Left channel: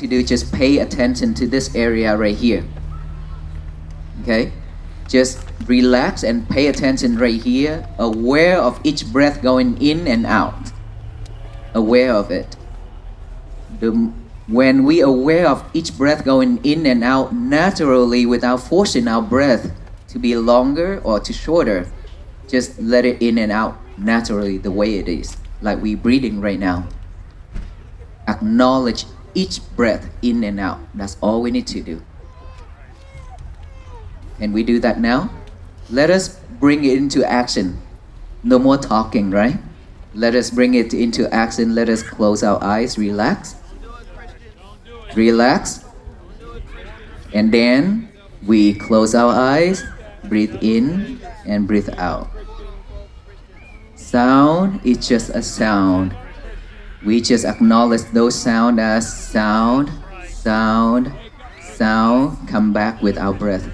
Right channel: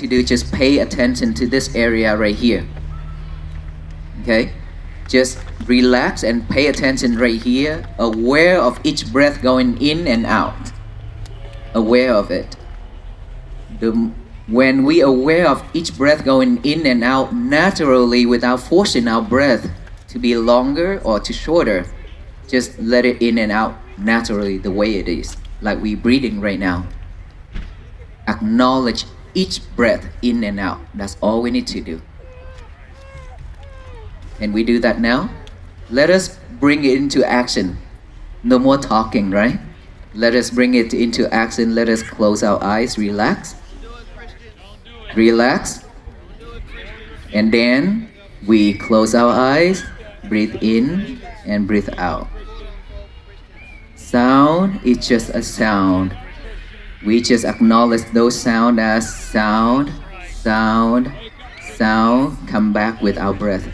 to do, just pay attention to this area right here. Okay? Just relax and pay attention right here, aware of each breath going in and out. Aware of it. When we aware of each breath going in and out naturally without forcing our breath to be longer or to shorter, just let it in and out naturally the way it is, like we breathing right now. Acknowledge each breath in and out. That's all we need to do. And we do that now. Let us bring it into action. No more talking, right? Let us bring it into action. Let us close our eyes, relax. Relax. And then we close our eyes, breathe in and breathe out. Sound is just a sound. We just acknowledge those sounds as sound, sound, sound. Come back with our breath.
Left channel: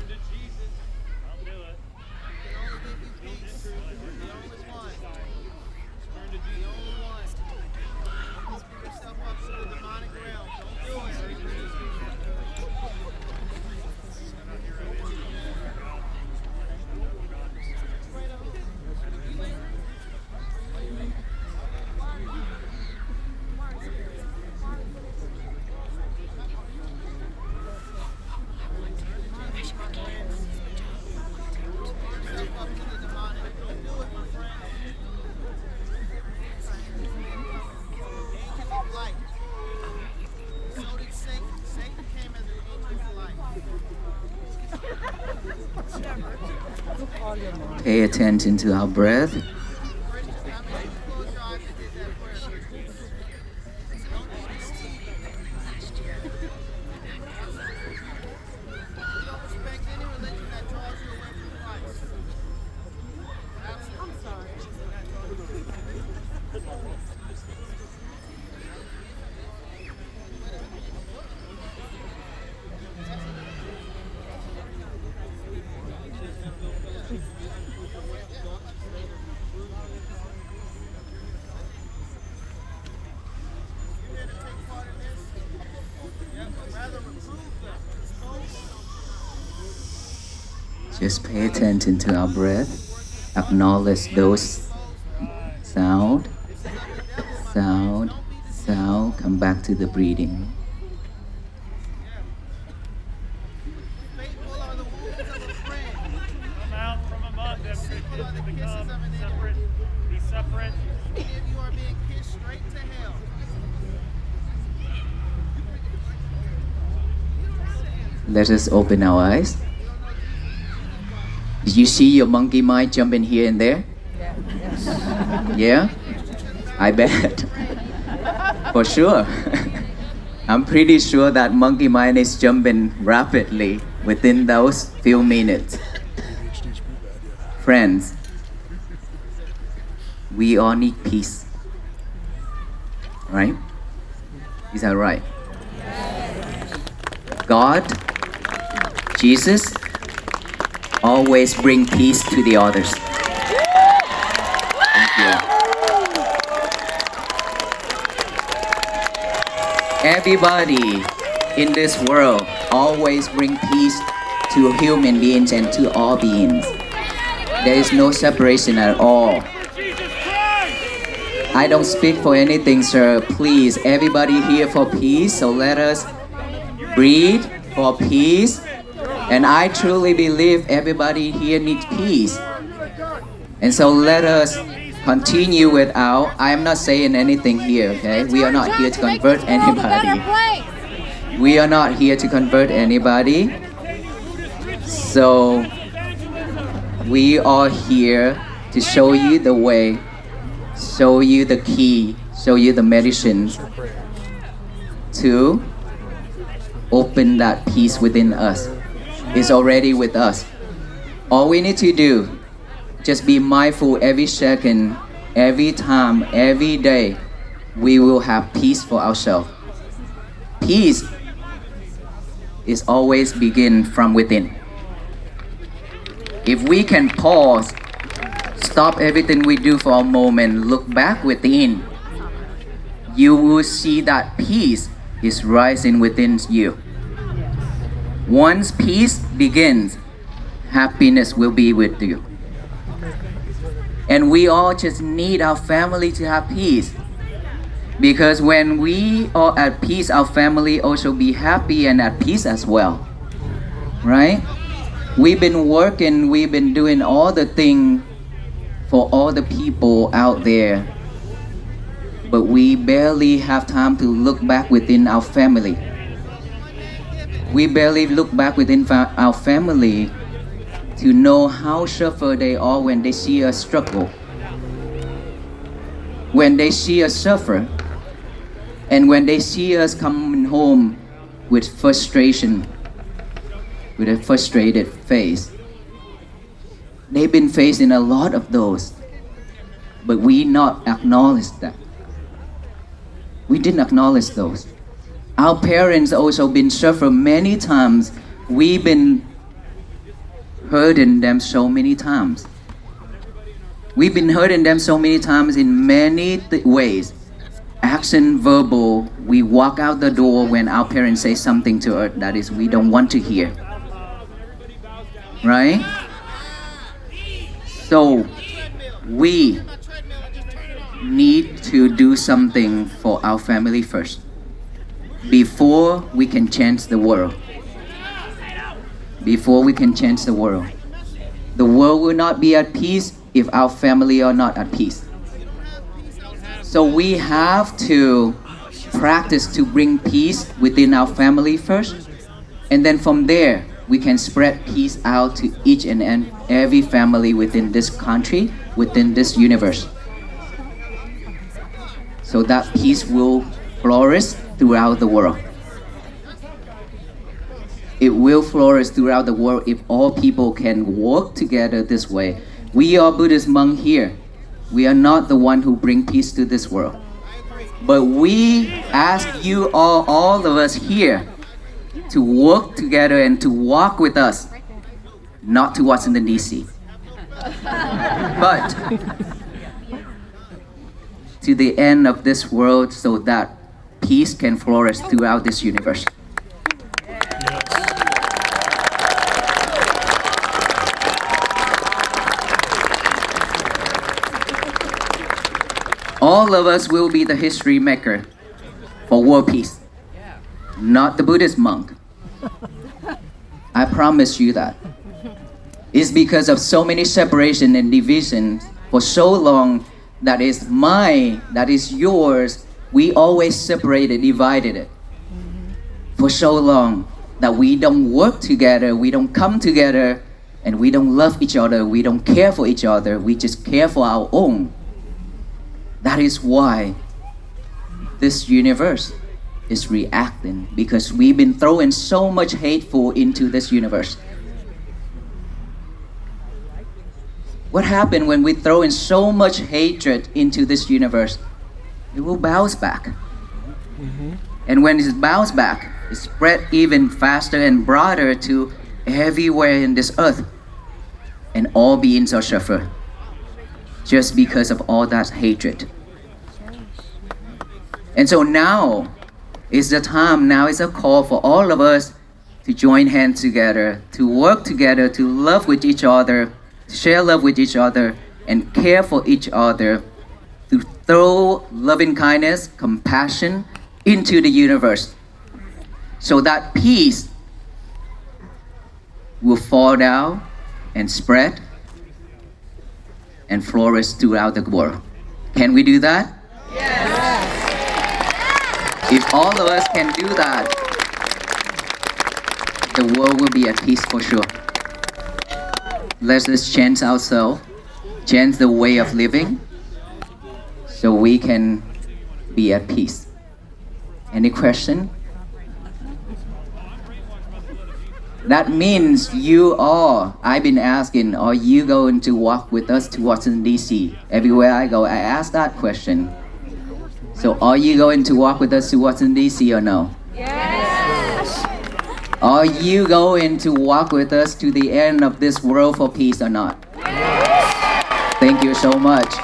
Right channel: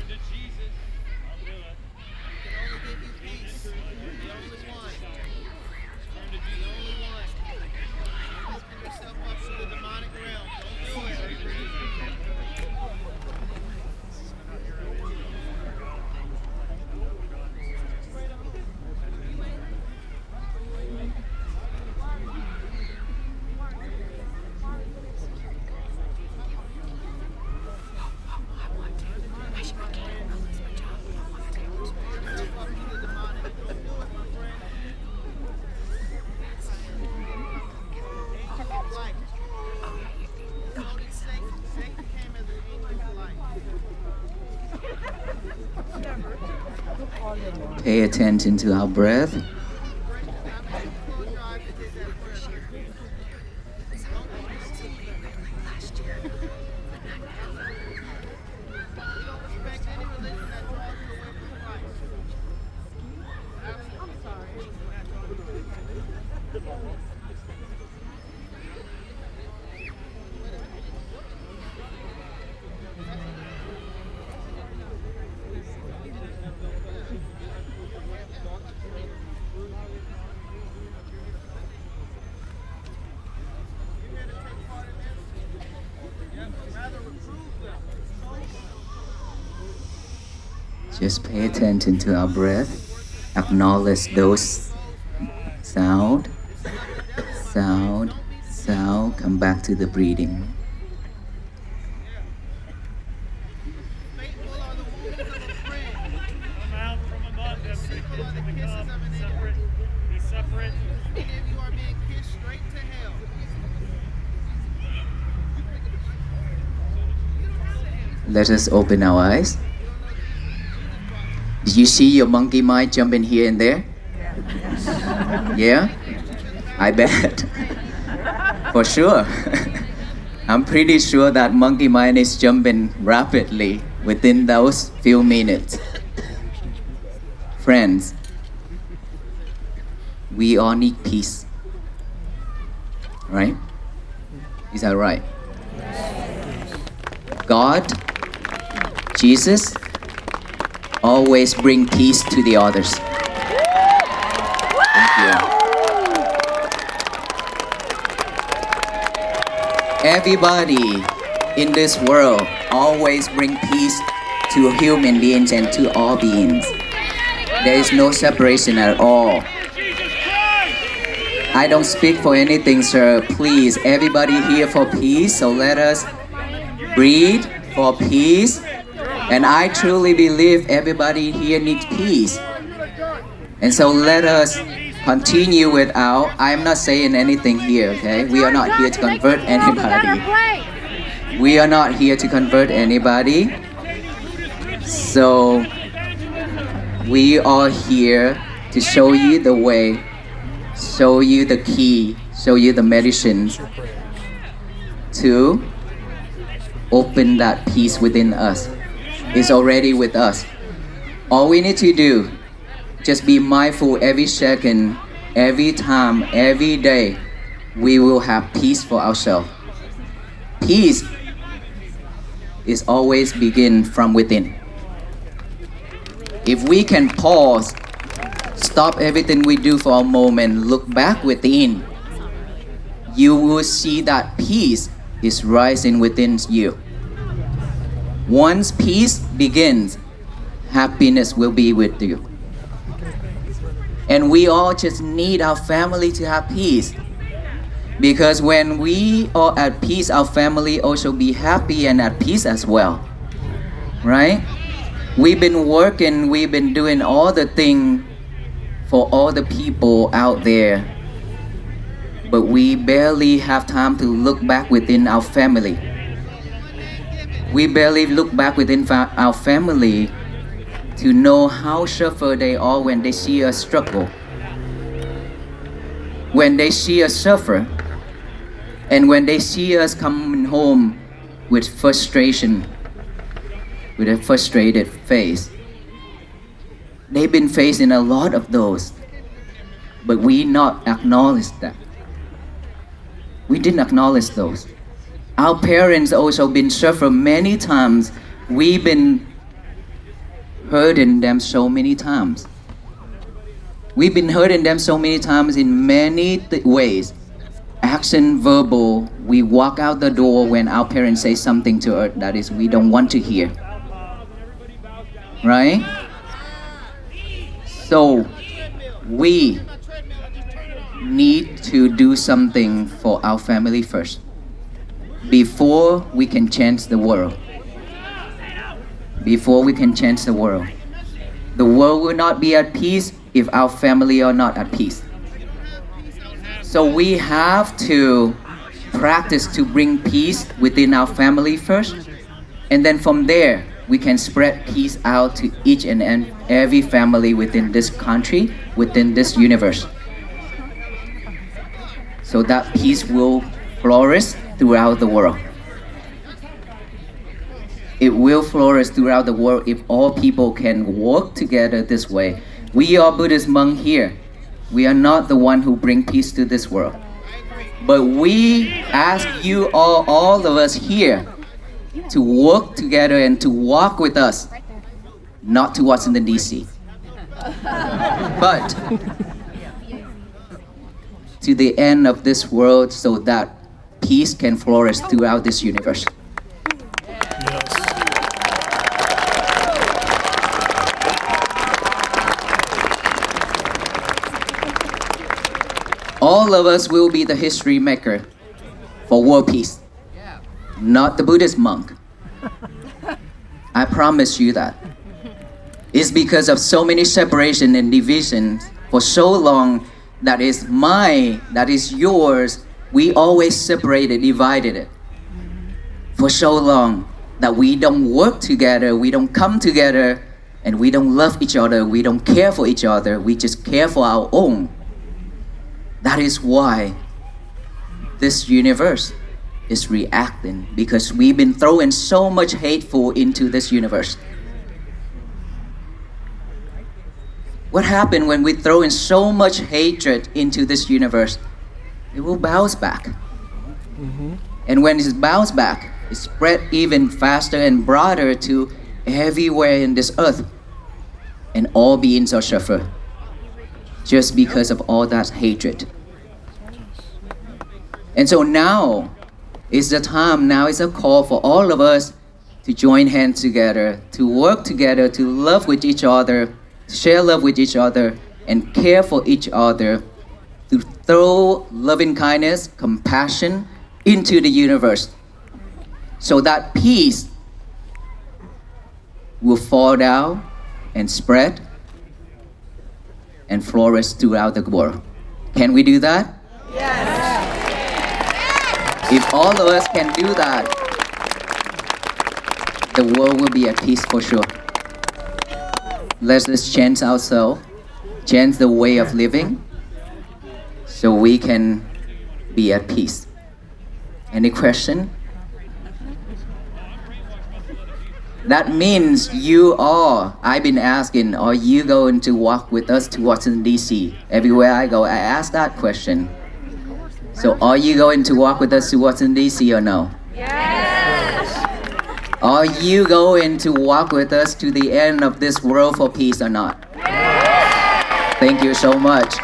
Pay attention to our breath. Just pay attention to our breath. Acknowledge those sound, sound, sound. Come back to the breathing. Let us open our eyes. Did you see your monkey mind jumping here and there? Yeah? I bet. For sure. I'm pretty sure that monkey mind is jumping rapidly within those few minutes. Friends, we all need peace. Right? Is that right? God, Jesus, always bring peace to the others. Thank you. Everybody in this world always bring peace to human beings and to all beings. There is no separation at all. I don't speak for anything, sir. Please, everybody here for peace, so let us breathe for peace. And I truly believe everybody here needs peace. And so let us continue with our, I'm not saying anything here, okay? We are not here to convert anybody. We are not here to convert anybody. So we are here to show you the way, show you the key, show you the medicines to open that peace within us. Is already with us. All we need to do, just be mindful every second, every time, every day, we will have peace for ourselves. Peace is always begin from within. If we can pause, stop everything we do for a moment, look back within, you will see that peace is rising within you. Once peace begins, happiness will be with you. And we all just need our family to have peace. Because when we are at peace, our family also be happy and at peace as well. Right? We've been working, we've been doing all the things for all the people out there. But we barely have time to look back within our family. We barely look back within our family to know how suffer they are when they see us struggle. When they see us suffer, and when they see us coming home with frustration, with a frustrated face. They've been facing a lot of those, but we not acknowledge that. We didn't acknowledge those. Our parents also been suffering many times. We've been hurting them so many times. We've been hurting them so many times in many ways. Action, verbal. We walk out the door when our parents say something to us that is we don't want to hear. Right? So we need to do something for our family first before we can change the world. Before we can change the world. The world will not be at peace if our family are not at peace. So we have to practice to bring peace within our family first, and then from there we can spread peace out to each and every family within this country, within this universe, so that peace will flourish throughout the world. It will flourish throughout the world if all people can work together this way. We are Buddhist monks here. We are not the one who bring peace to this world. But we ask you all of us here, to work together and to walk with us, not to Washington DC, but to the end of this world so that peace can flourish throughout this universe. All of us will be the history maker for world peace, not the Buddhist monk. I promise you that. It's because of so many separation and divisions for so long that is mine, that is yours. We always separated, divided it for so long that we don't work together, we don't come together, and we don't love each other, we don't care for each other, we just care for our own. That is why this universe is reacting, because we've been throwing so much hateful into this universe. What happened when we throw in so much hatred into this universe? It will bounce back. And when it bounces back, it spread even faster and broader to everywhere in this earth. And all beings are suffering just because of all that hatred. And so now is the time, now is a call for all of us to join hands together, to work together, to love with each other, share love with each other, and care for each other, to throw loving kindness, compassion into the universe, so that peace will fall down and spread and flourish throughout the world. Can we do that? Yes. If all of us can do that, the world will be at peace for sure. Let's change ourselves, change the way of living, so we can be at peace. Any question? That means I've been asking, are you going to walk with us to Washington DC? Everywhere I go, I ask that question. So are you going to walk with us to Washington DC or no? Yes. Are you going to walk with us to the end of this world for peace or not? Yes. Thank you so much.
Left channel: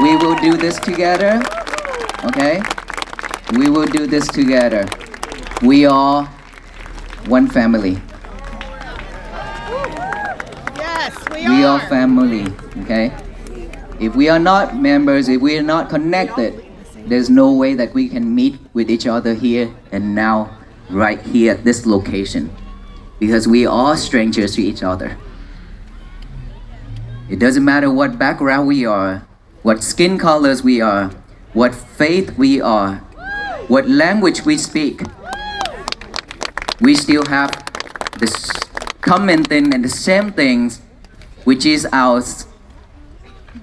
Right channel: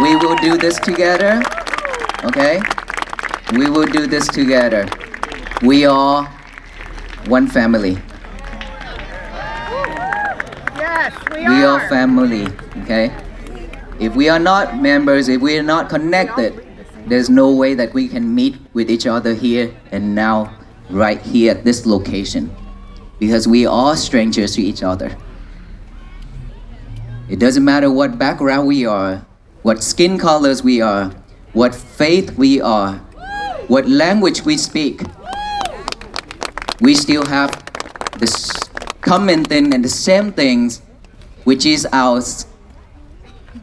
We will do this together, okay? We will do this together. We are one family. Yes, we We are. are family, okay? If we are not members, if we are not connected, there's no way that we can meet with each other here and now, right here at this location. Because we are strangers to each other. It doesn't matter what background we are, what skin colors we are, what faith we are, what language we speak. We still have this common thing and the same things, which is our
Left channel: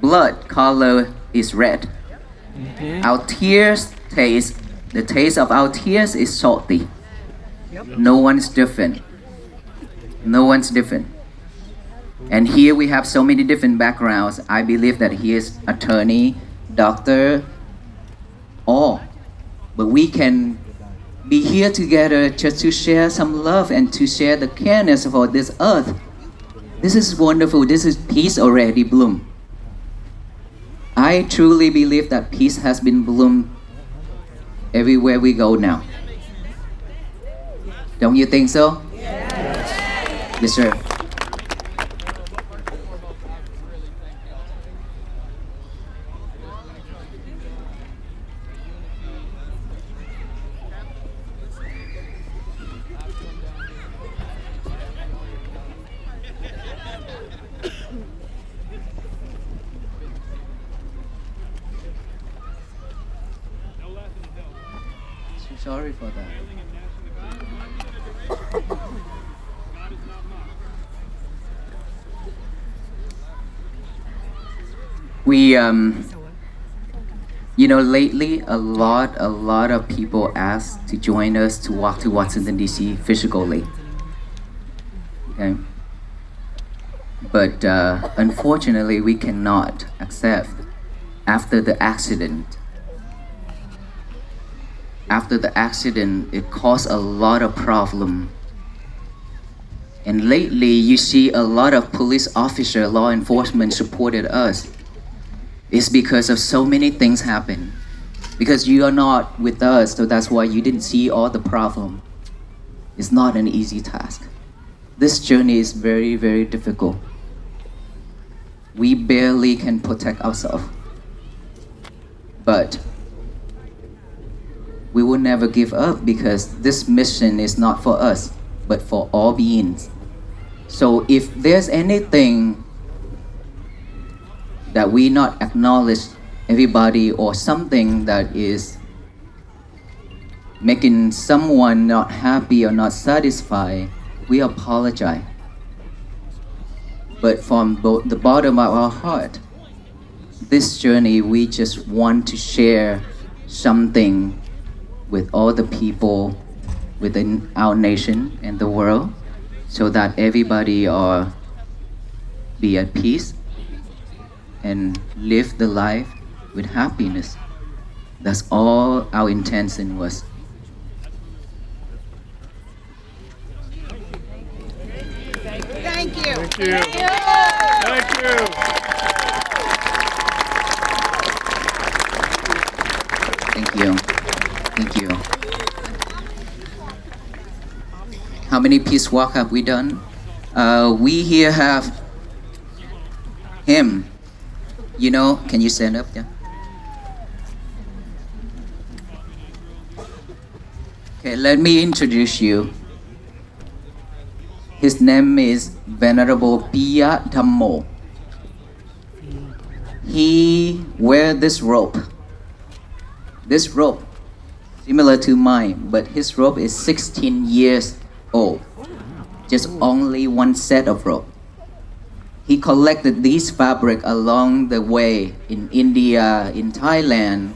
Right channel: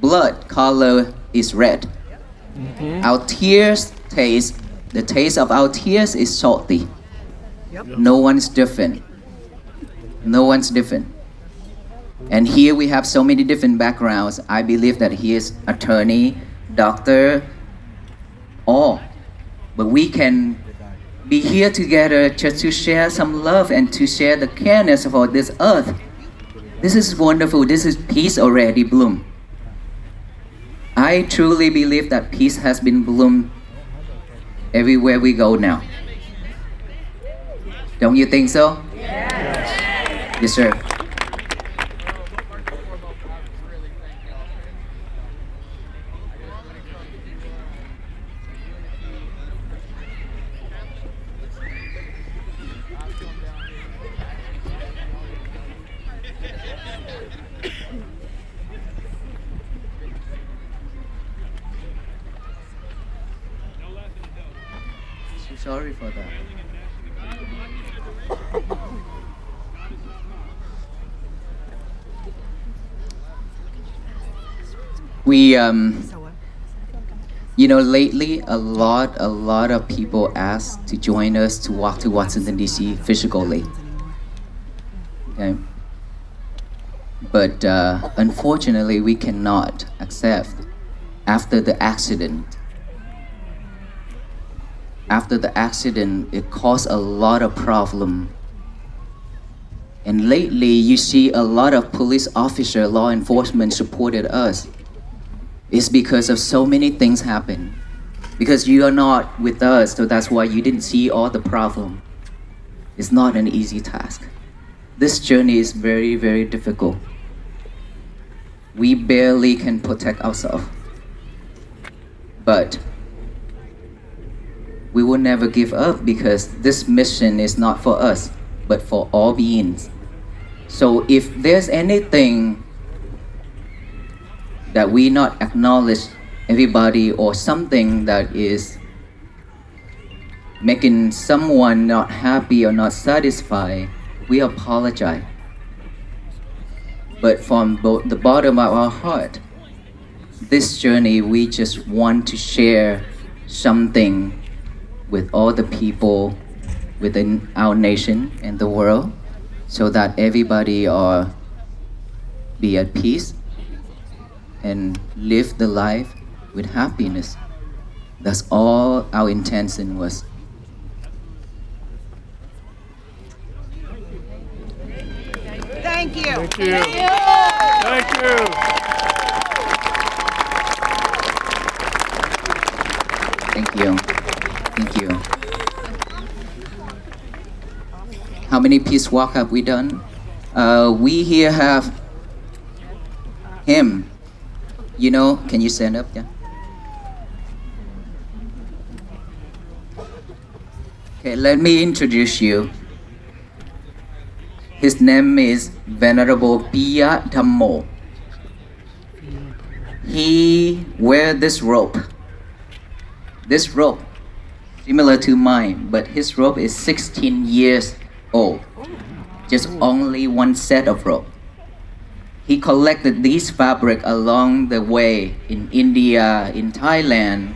blood color is red. Our tears taste, the taste of our tears is salty. No one's different. No one's different. And here we have so many different backgrounds. I believe that he is attorney, doctor, all. But we can be here together just to share some love and to share the careness for this earth. This is wonderful. This is peace already bloom. I truly believe that peace has been bloomed everywhere we go now. Don't you think so? Yes, sir. So sorry for that. We lately a lot of people ask to join us to walk to Washington DC physically. Okay. But unfortunately we cannot accept after the accident. After the accident, it caused a lot of problem. And lately, you see a lot of police officer, law enforcement supported us. It's because of so many things happen. Because you are not with us, so that's why you didn't see all the problem. It's not an easy task. This journey is very, very difficult. We barely can protect ourselves. But we will never give up because this mission is not for us, but for all beings. So if there's anything that we not acknowledge everybody or something that is making someone not happy or not satisfied, we apologize. But from the bottom of our heart, this journey, we just want to share something with all the people within our nation and the world so that everybody be at peace and live the life with happiness. That's all our intention was. Thank you. Thank you. Thank you. Thank you. Thank you. Thank you. How many peace walk have we done? We here have him. You know, can you stand up? Yeah. Okay, let me introduce you. His name is Venerable Piya Dhammo. He wear this rope. This rope, similar to mine, but his rope is 16 years old. Just only one set of rope. He collected these fabric along the way in India, in Thailand,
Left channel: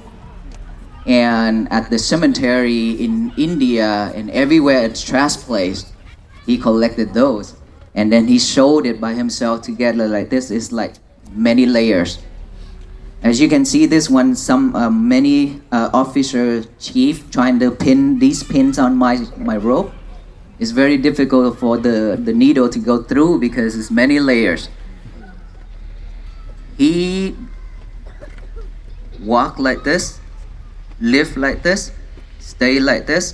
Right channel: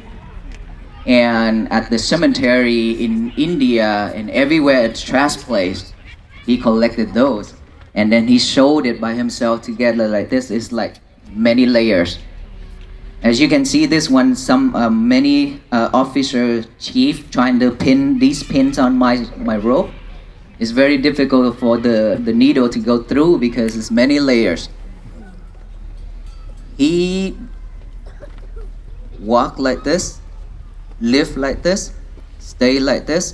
and at the cemetery in India and everywhere at trash place. He collected those, and then he sewed it by himself together like this. It's like many layers. As you can see, this one, many officer chief trying to pin these pins on my rope. It's very difficult for the needle to go through because it's many layers. He walk like this, live like this, stay like this,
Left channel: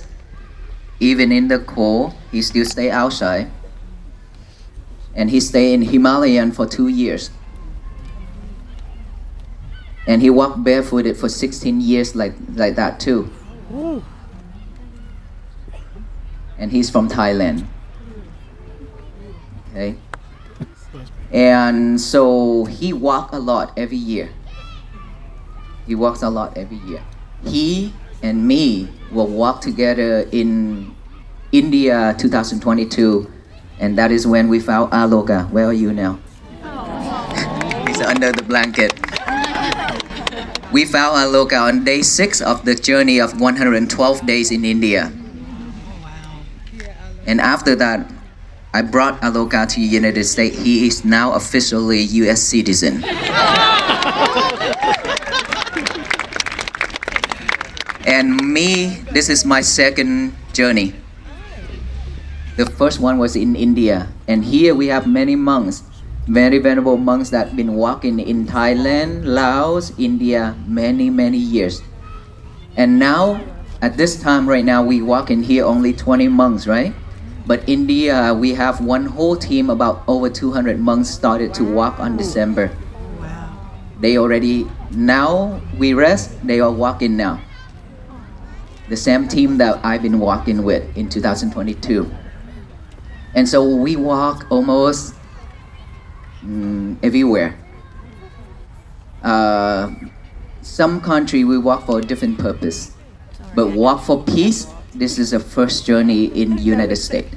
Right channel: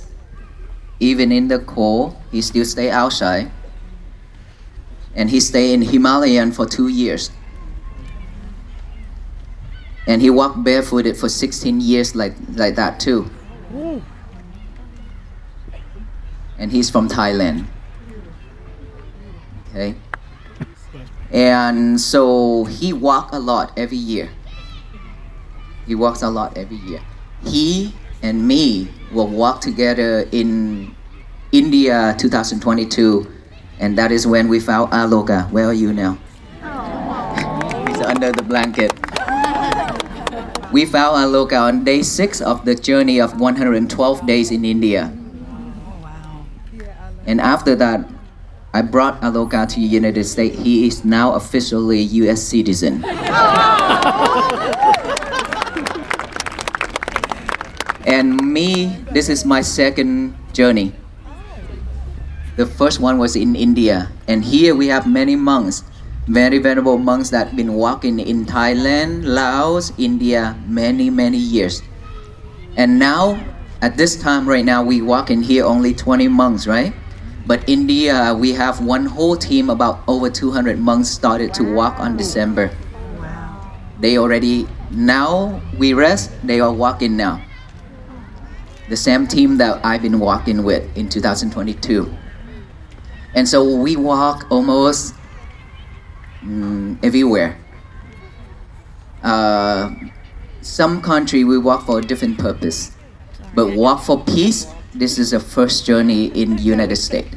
Even in the cold, he still stay outside. And he stay in Himalayan for 2 years. And he walked barefooted for 16 years like that too. And he's from Thailand. Okay. And so he walked a lot every year. He walks a lot every year. He and me will walk together in India 2022, and that is when we found Aloka. Where are you now? He's under the blanket. We found Aloka on day 6 of the journey of 112 days in India. And after that, I brought Aloka to the United States. He is now officially US citizen. And me, this is my second journey. The first one was in India. And here we have many monks, very venerable monks that have been walking in Thailand, Laos, India, many years. And now, at this time right now, we walk in here only 20 monks, right? But India, we have one whole team, about over 200 monks started to walk on December. They already, now we rest, they are walking now. The same team that I've been walking with in 2022. And so we walk almost everywhere. Some country we walk for a different purpose. But walk for peace, this is the first journey in United States.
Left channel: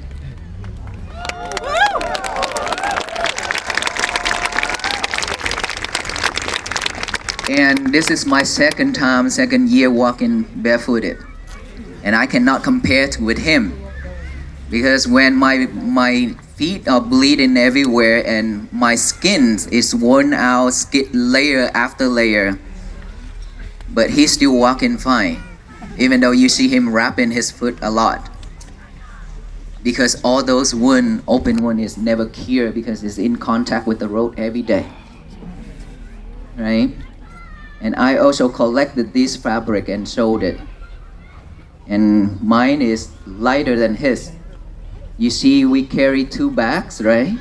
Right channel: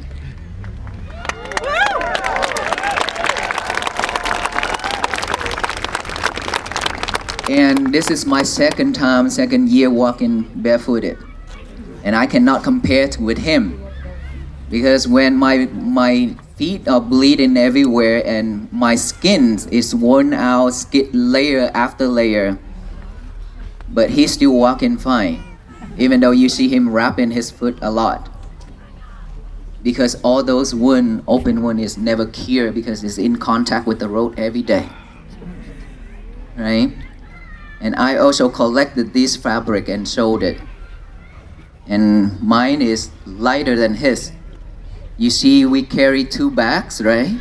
And this is my second year walking barefooted. And I cannot compare to with him. Because when my feet are bleeding everywhere and my skin is worn out, layer after layer. But he's still walking fine. Even though you see him wrapping his foot a lot. Because all those open wound is never cured because it's in contact with the road every day. Right? And I also collected this fabric and sold it. And mine is lighter than his. You see, we carry 2 bags, right?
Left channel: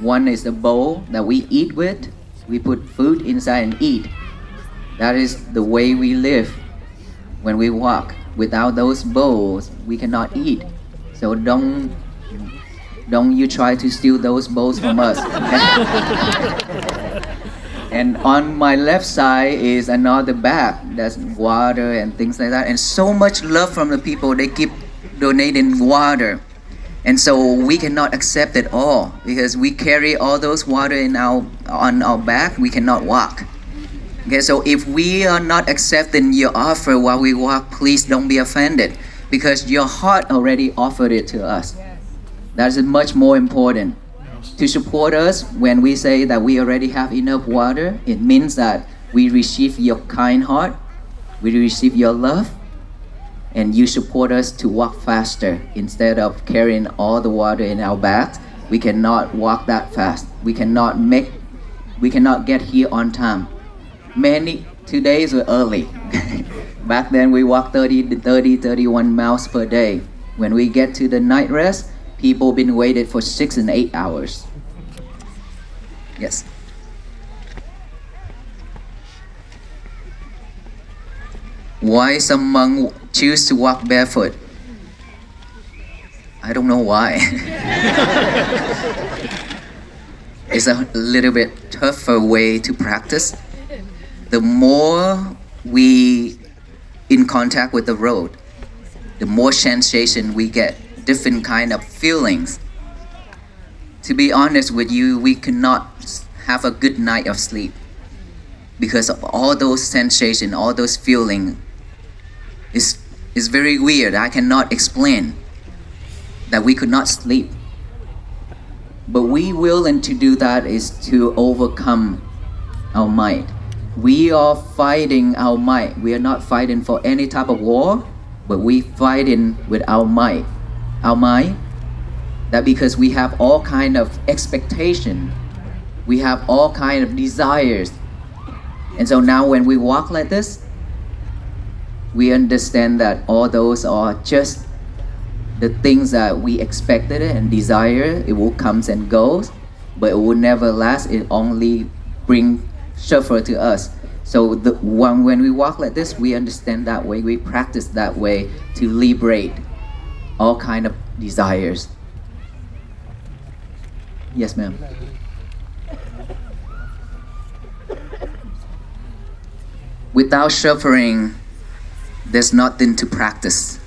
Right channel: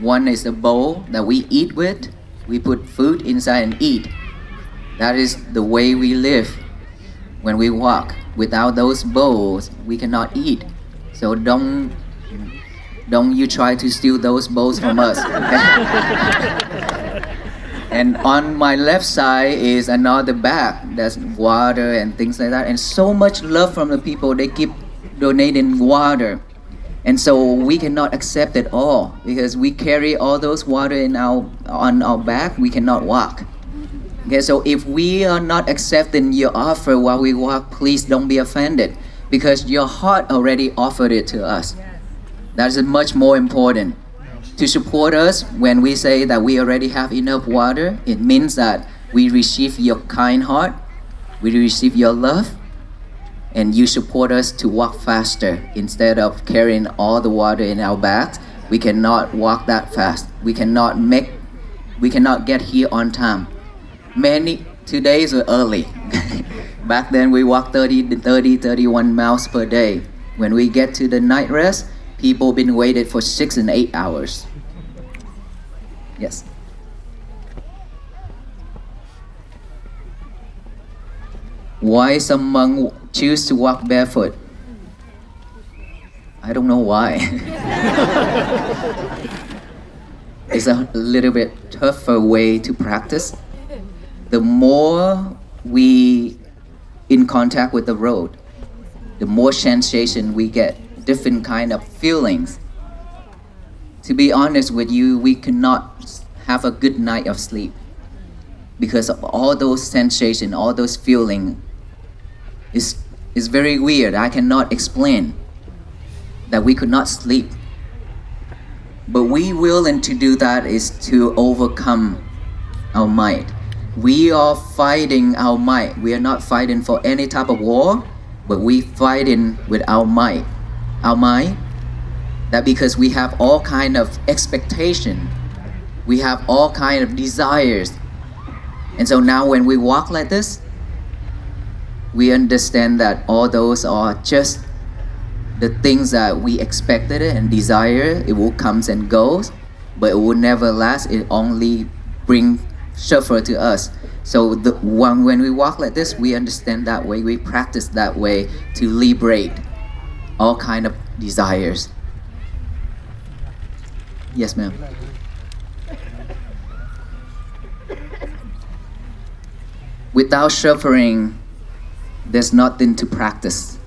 One is the bowl that we eat with. We put food inside and eat. That is the way we live when we walk. Without those bowls, we cannot eat. So don't you try to steal those bowls from us. And on my left side is another bag. That's water and things like that. And so much love from the people. They keep donating water. And so we cannot accept it all because we carry all those water on our back. We cannot walk. Okay, so if we are not accepting your offer while we walk, please don't be offended because your heart already offered it to us. That is much more important. To support us when we say that we already have enough water, it means that we receive your kind heart, we receive your love, and you support us to walk faster. Instead of carrying all the water in our bags, we cannot walk that fast. We cannot get here on time. Today is early. Back then we walked 31 miles per day. When we get to the night rest, people been waited for 6 and 8 hours. Yes. Why some monk choose to walk barefoot? I don't know why. It's a little bit tougher way to practice. The more we in contact with the road, the more sensation we get, different kind of feelings. To be honest with you, we cannot have a good night of sleep because of all those sensations, all those feelings. Is very weird. I cannot explain that we could not sleep. But we willing to do that is to overcome our mind. We are fighting our might. We are not fighting for any type of war, but we fighting with our might. Our mind, that because we have all kind of expectation, we have all kind of desires. And so now when we walk like this, we understand that all those are just the things that we expected it and desire, it will comes and goes, but it will never last. It only bring suffer to us. So when we walk like this, we understand that way, we practice that way to liberate all kind of desires. Yes, ma'am. Without suffering, there's nothing to practice.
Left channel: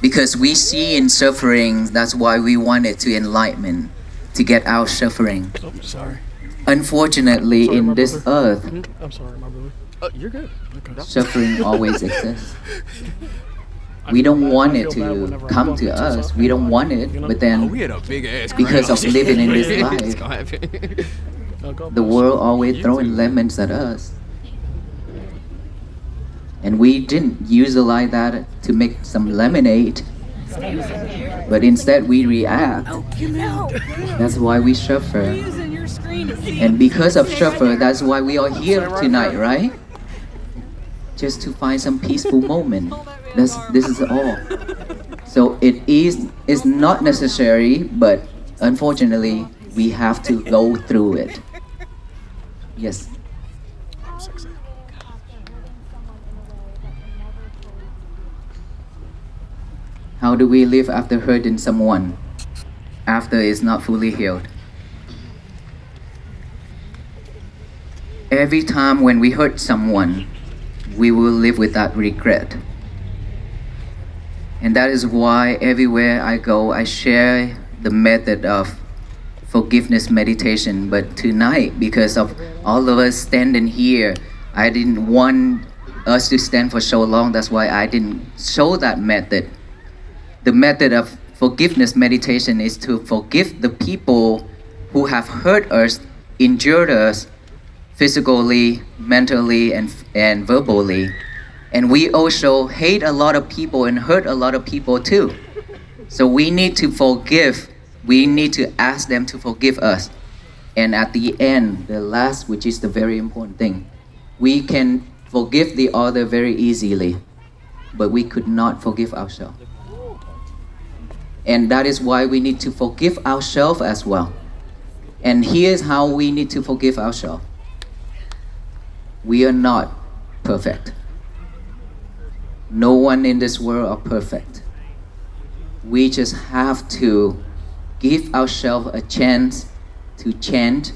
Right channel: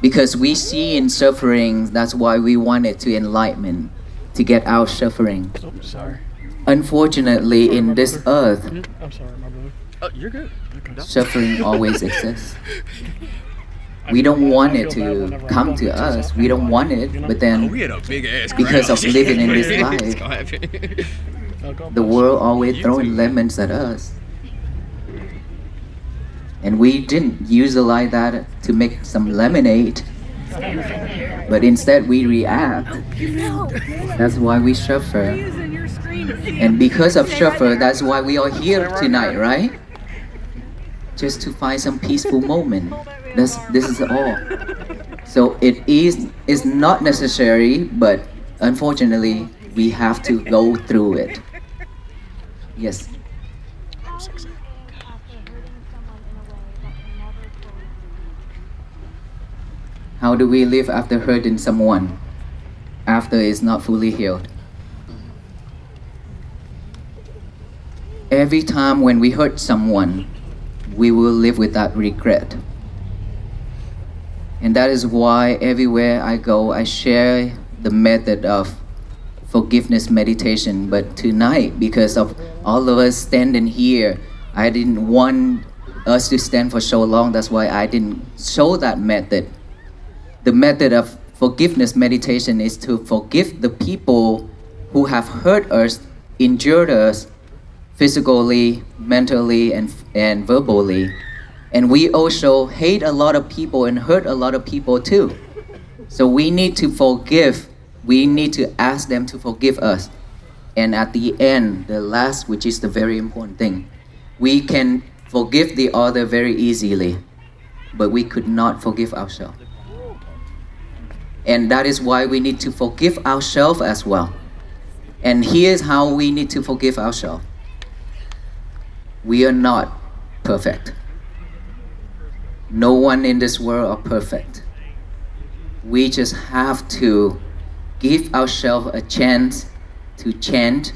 Because we see in suffering, that's why we wanted to enlightenment, to get out suffering. Oh, sorry. Unfortunately, Sorry, in my this brother. earth, I'm sorry, my brother. Oh, you're good. Okay. suffering always exists. We don't want it to come to us. We don't want it, but We then had a big ass because of living in this It's life, gonna happen. the world always throwing lemons at us. And we didn't utilize that to make some lemonade, but instead we react. That's why we suffer. And because of suffer, that's why we are here tonight, right? Just to find some peaceful moment. This is all. So it's not necessary, but unfortunately, we have to go through it. Yes. How do we live after hurting someone? After it's not fully healed? Every time when we hurt someone, we will live with that regret. And that is why everywhere I go, I share the method of forgiveness meditation. But tonight, because of all of us standing here, I didn't want us to stand for so long. That's why I didn't show that method. The method of forgiveness meditation is to forgive the people who have hurt us, injured us, physically, mentally, and verbally. And we also hate a lot of people and hurt a lot of people too. So we need to forgive. We need to ask them to forgive us. And at the end, the last, which is the very important thing, we can forgive the other very easily, but we could not forgive ourselves. And that is why we need to forgive ourselves as well. And here's how we need to forgive ourselves. We are not perfect. No one in this world are perfect. We just have to give ourselves a chance to change,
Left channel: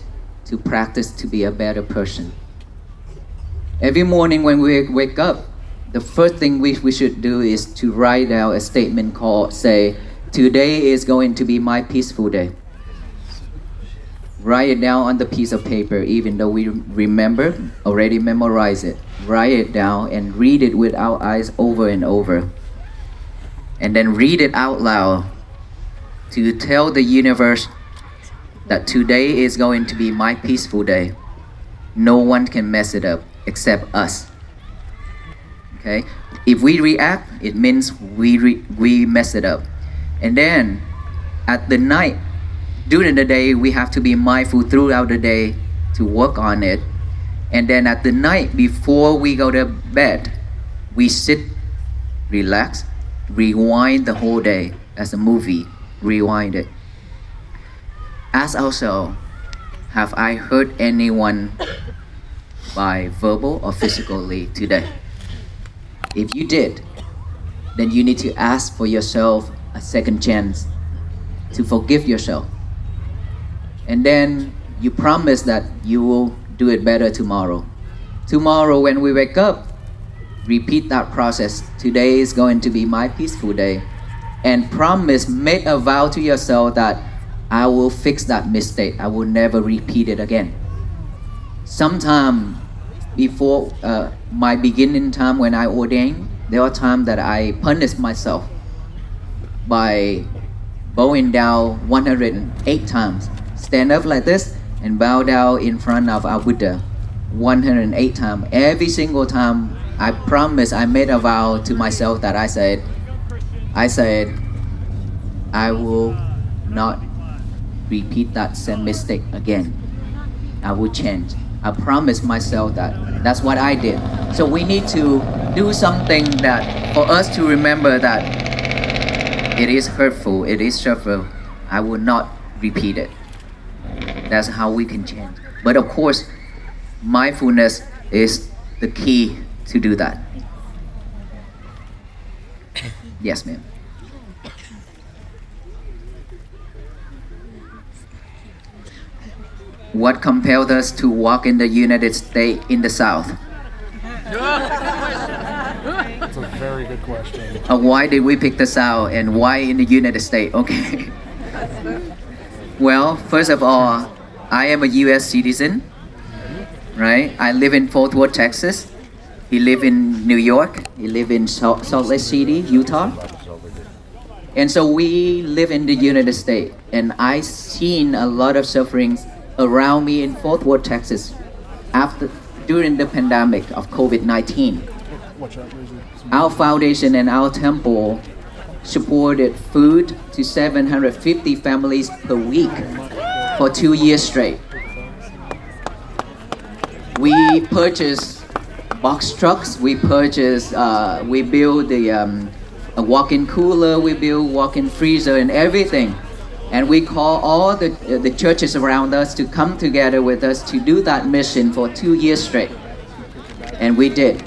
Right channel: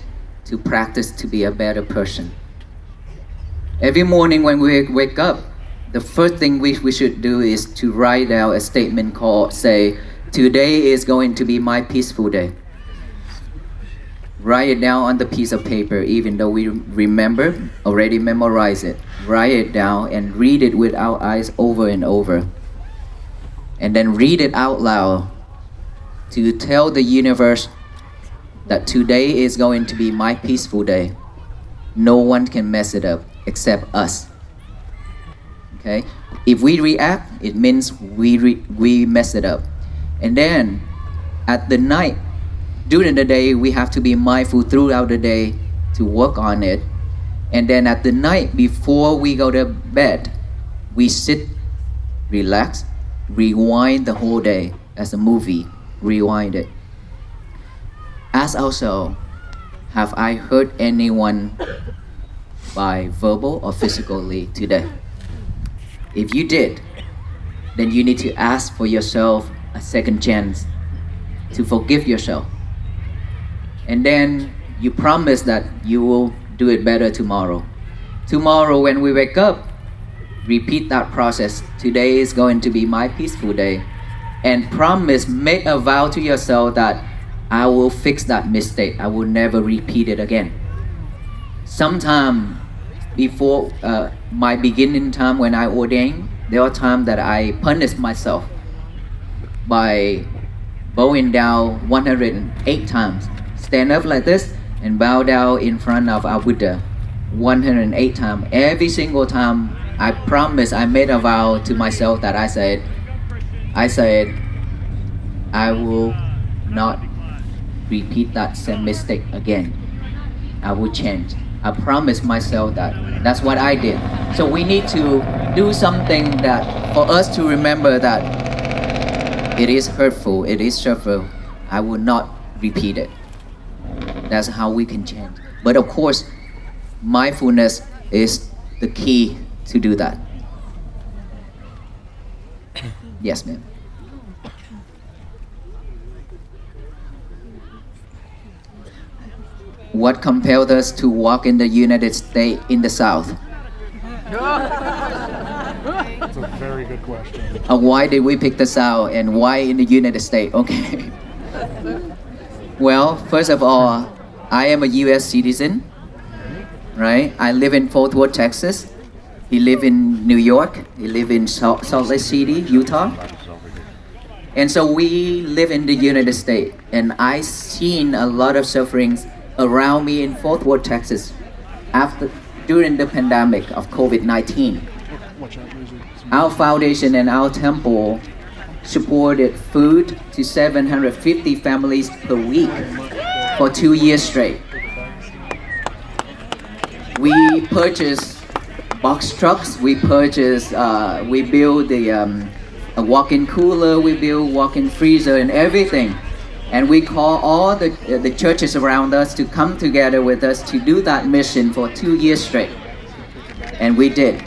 to practice to be a better person. Every morning when we wake up, the first thing we should do is to write down a statement called, say, today is going to be my peaceful day. Write it down on the piece of paper, even though we remember, already memorize it. Write it down and read it with our eyes over and over. And then read it out loud to tell the universe that today is going to be my peaceful day. No one can mess it up except us. Okay? If we react, it means we mess it up. And then at the night, during the day, we have to be mindful throughout the day to work on it. And then at the night, before we go to bed, we sit, relax, rewind the whole day as a movie, rewind it. Ask ourselves, have I hurt anyone by verbal or physically today? If you did, then you need to ask for yourself a second chance to forgive yourself. And then you promise that you will do it better tomorrow. Tomorrow when we wake up, repeat that process. Today is going to be my peaceful day. And promise, make a vow to yourself that I will fix that mistake. I will never repeat it again. Sometime before my beginning time when I ordained, there are times that I punished myself by bowing down 108 times. Stand up like this and bow down in front of our Buddha 108 times. Every single time I promised, I made a vow to myself that I said, I will not repeat that same mistake again. I will change. I promised myself that. That's what I did. So we need to do something that for us to remember that It is hurtful, it is suffer. I will not repeat it. That's how we can change. But of course, mindfulness is the key to do that. Yes, ma'am. What compelled us to walk in the United States in the South? It's a very good question. Why did we pick the South and why in the United States? Okay. Well, first of all, I am a US citizen, right? I live in Fort Worth, Texas. He live in New York. He live in Salt Lake City, Utah. And so we live in the United States, and I seen a lot of sufferings around me in Fort Worth, Texas, during the pandemic of COVID-19. Watch out, Lizzie. Our foundation and our temple supported food to 750 families per week for 2 years straight. We purchased box trucks, we built a walk-in cooler, we built walk-in freezer and everything. And we call all the churches around us to come together with us to do that mission for 2 years straight. And we did.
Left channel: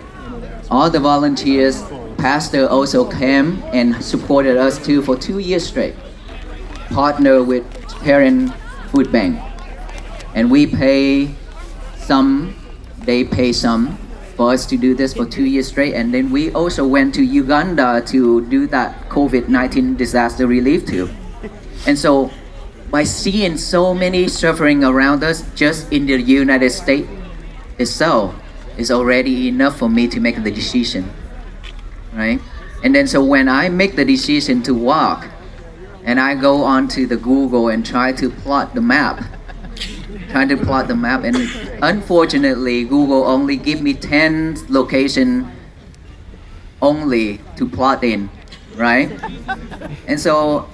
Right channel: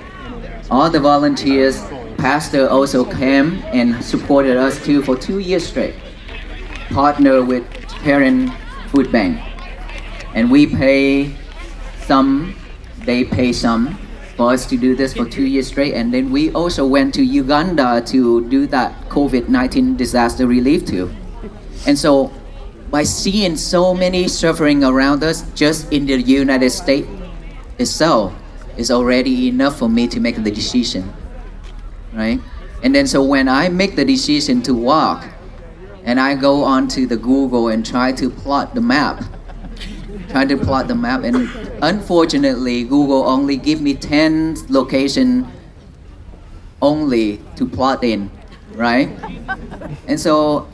All the volunteers, pastor also came and supported us too for 2 years straight. Partner with Parent Food Bank. And we pay some, they pay some for us to do this for 2 years straight. And then we also went to Uganda to do that COVID-19 disaster relief too. And so by seeing so many suffering around us just in the United States itself is already enough for me to make the decision, right? And then so when I make the decision to walk and I go onto the Google and try to plot the map, and unfortunately Google only give me 10 location only to plot in, right? And so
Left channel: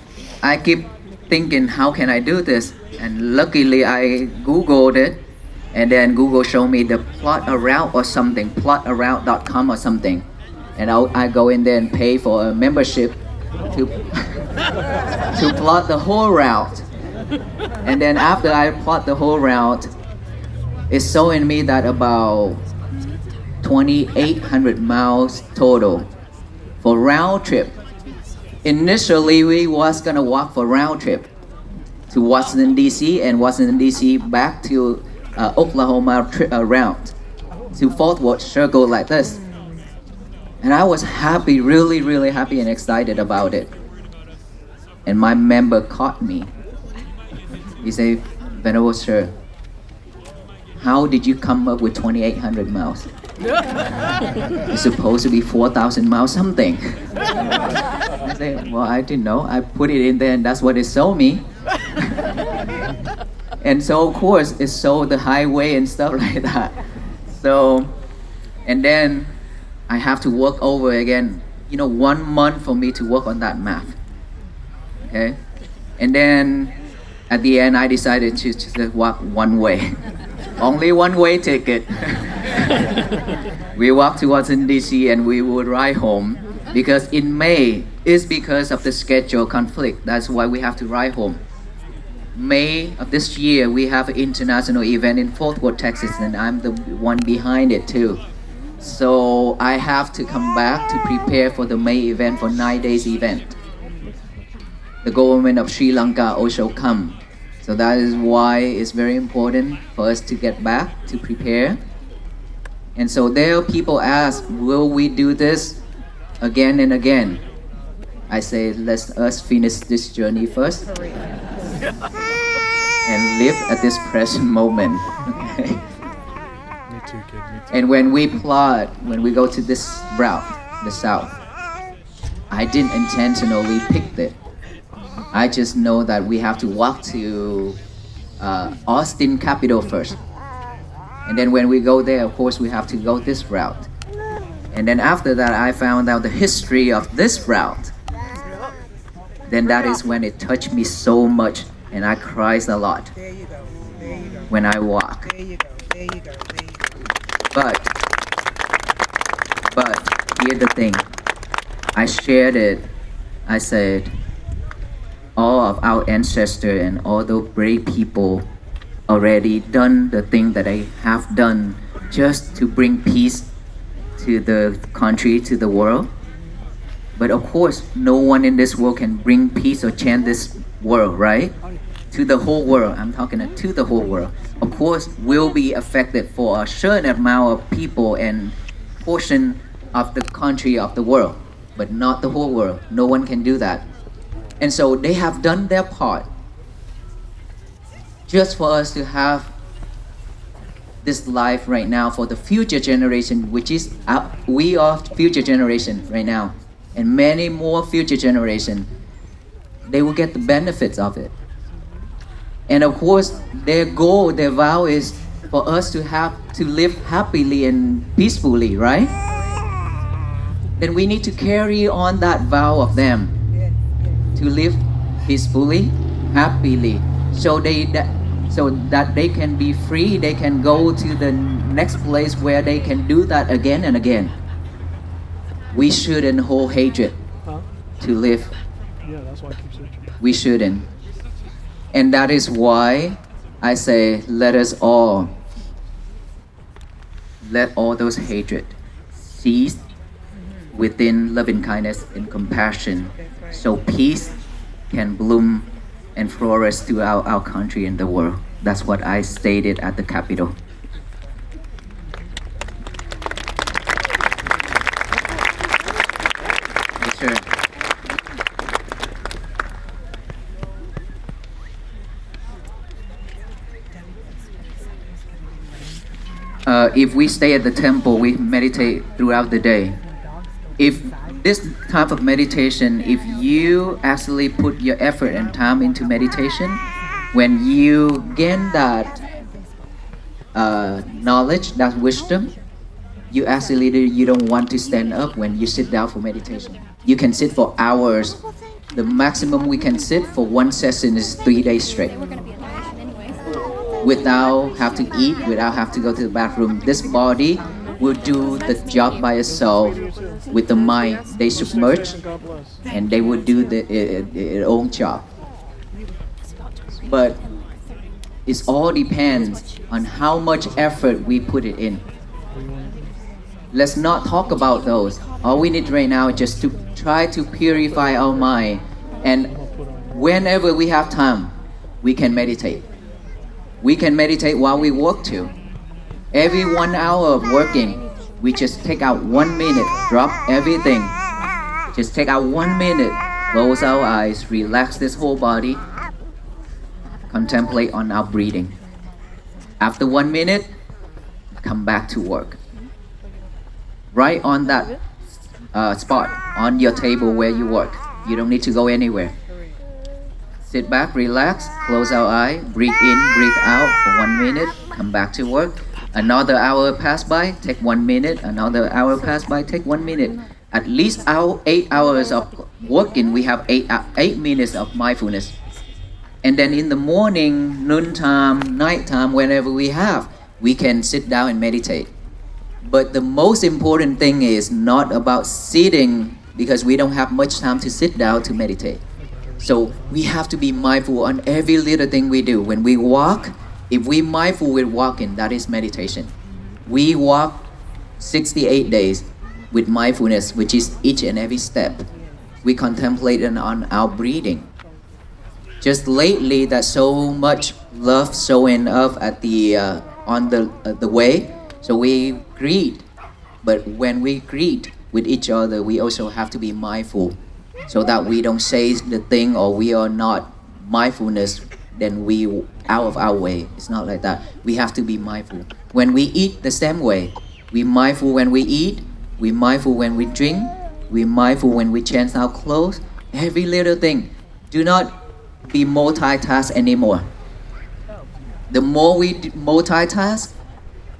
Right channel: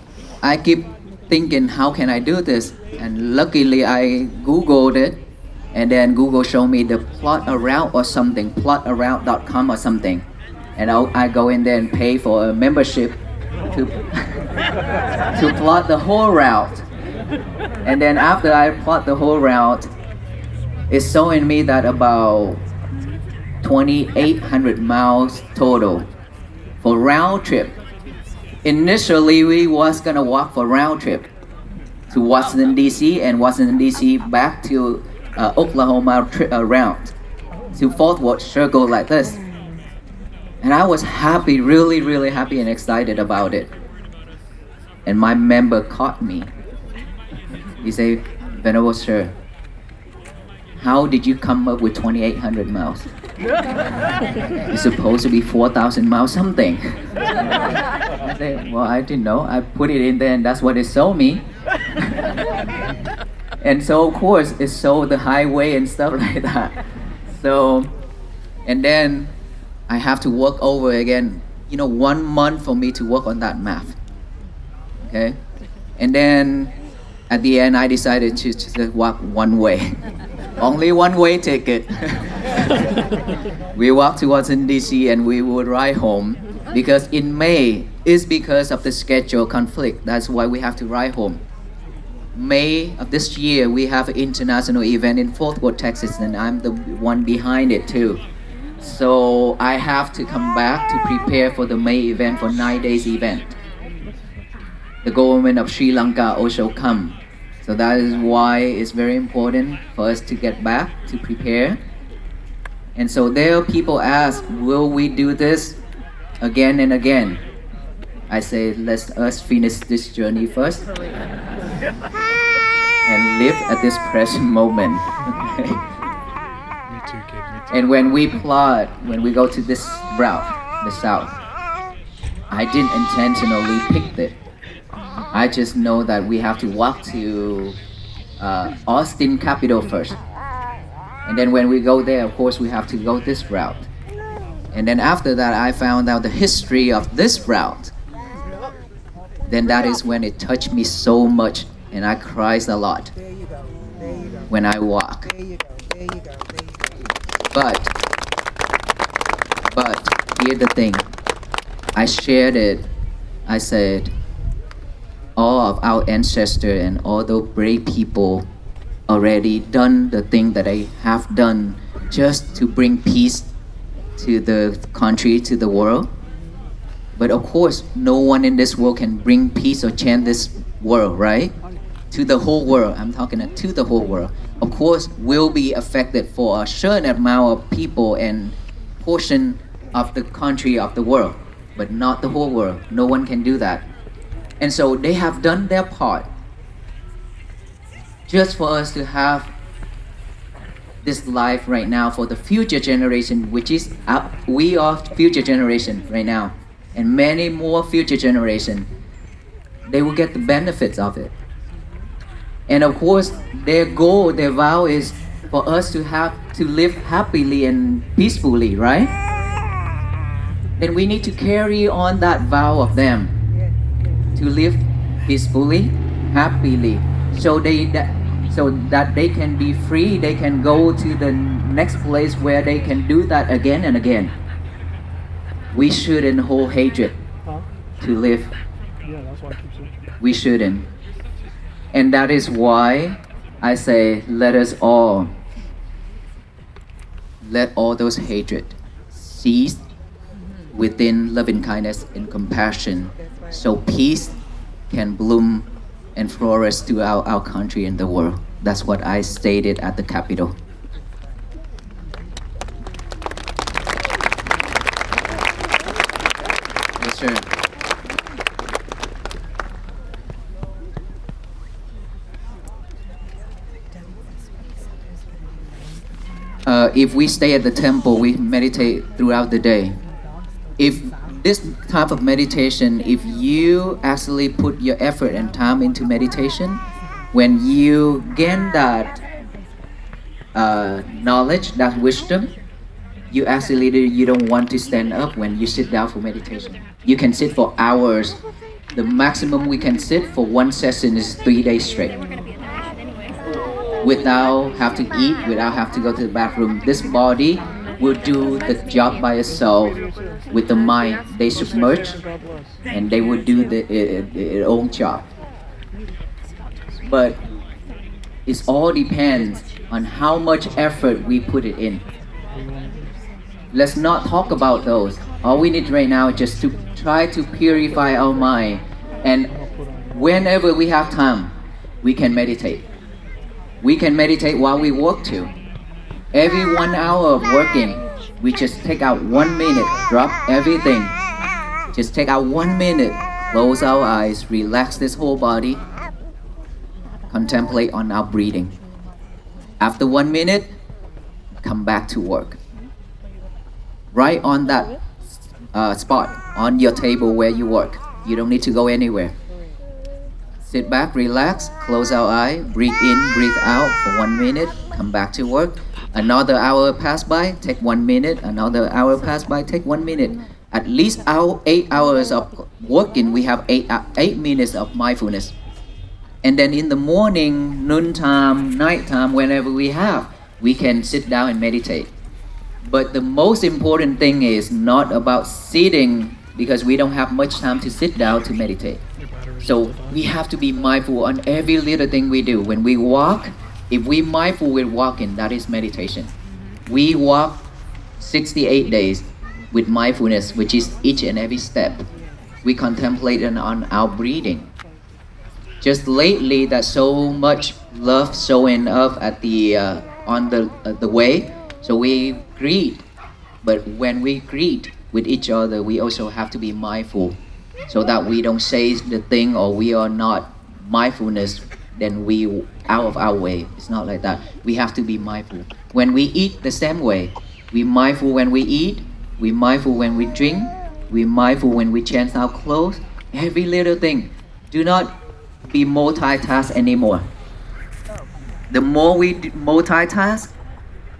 I keep thinking, how can I do this? And luckily I Googled it, and then Google showed me the plot a route or something, plotaroute.com or something. And I go in there and pay for a membership to to plot the whole route. And then after I plot the whole route, it's showing me that about 2,800 miles total for round trip. Initially, we was gonna walk for round trip to Washington DC and Washington DC back to Oklahoma round to Fort Worth, circle like this. And I was happy, really, really happy and excited about it. And my member caught me. He said, "Venerable Sir, how did you come up with 2,800 miles? It's supposed to be 4,000 miles something." I said, "Well, I didn't know. I put it in there and that's what it showed me." And so of course it showed the highway and stuff like that. So, and then I have to work over again, 1 month for me to work on that map. Okay? And then at the end I decided to just walk one way. Only one way ticket. We walked to Washington DC and we would ride home because in May is because of the schedule conflict. That's why we have to ride home. May of this year we have an international event in Fort Worth, Texas, and I'm the one behind it too. So I have to come back to prepare for the May event, for 9 days event. The government of Sri Lanka also come. So that is why it's very important for us to get back to prepare. And so there people ask, will we do this again and again? I say, let us finish this journey first and live at this present moment. Okay? Me too, kid. Me too. And when we go to this route, the south, I didn't intentionally pick it. I just know that we have to walk to Austin, capital first. And then when we go there, of course, we have to go this route. And then after that, I found out the history of this route. Then that is when it touched me so much and I cried a lot There you go. There you go. when I walk. There you go. There you go. There you go. But here's the thing. I shared it. I said, our ancestors and all the brave people already done the thing that they have done just to bring peace to the country, to the world. But of course, no one in this world can bring peace or change this world, right? To the whole world. I'm talking to the whole world. Of course, will be affected for a certain amount of people and portion of the country of the world, but not the whole world. No one can do that. And so they have done their part just for us to have this life right now for the future generation, which is we are future generation right now, and many more future generation. They will get the benefits of it. And of course, their goal, their vow is for us to have to live happily and peacefully, right? Then we need to carry on that vow of them to live peacefully, happily, so that they can be free. They can go to the next place where they can do that again and again. We shouldn't hold hatred to live. Yeah, that's why I keep searching. We shouldn't. And that is why I say, let all those hatred cease within loving kindness and compassion, so peace can bloom and flourish throughout our country and the world. That's what I stated at the Capitol. Yes, sir. If we stay at the temple, we meditate throughout the day. If this type of meditation, if you actually put your effort and time into meditation, when you gain that knowledge, that wisdom, you don't want to stand up when you sit down for meditation. You can sit for hours. The maximum we can sit for one session is 3 days straight, without have to eat, without have to go to the bathroom. This body will do the job by itself with the mind. They submerge and they will do their own job. But it all depends on how much effort we put it in. Let's not talk about those. All we need right now is just to try to purify our mind, and whenever we have time, we can meditate. We can meditate while we work too. Every 1 hour of working, we just take out 1 minute, drop everything. Just take out 1 minute, close our eyes, relax this whole body, contemplate on our breathing. After 1 minute, come back to work. Right on that spot, on your table where you work. You don't need to go anywhere. Sit back, relax, close our eye, breathe in, breathe out for 1 minute, come back to work. Another hour pass by, take 1 minute. Another hour pass by, take 1 minute. At least 8 hours of working, we have 8 minutes of mindfulness. And then in the morning, noontime, nighttime, whenever we can sit down and meditate. But the most important thing is not about sitting, because we don't have much time to sit down to meditate. So we have to be mindful on every little thing we do. When we walk, if we mindful with walking, that is meditation. We walk 68 days with mindfulness, which is each and every step. We contemplate on our breathing. Just lately, there's so much love showing up at on the way, so we greet. But when we greet with each other, we also have to be mindful, so that we don't say the thing or we are not mindfulness, then we out of our way. It's not like that. We have to be mindful. When we eat, the same way. We mindful when we eat, we mindful when we drink, we mindful when we change our clothes. Every little thing. Do not be multitask anymore. The more we multitask,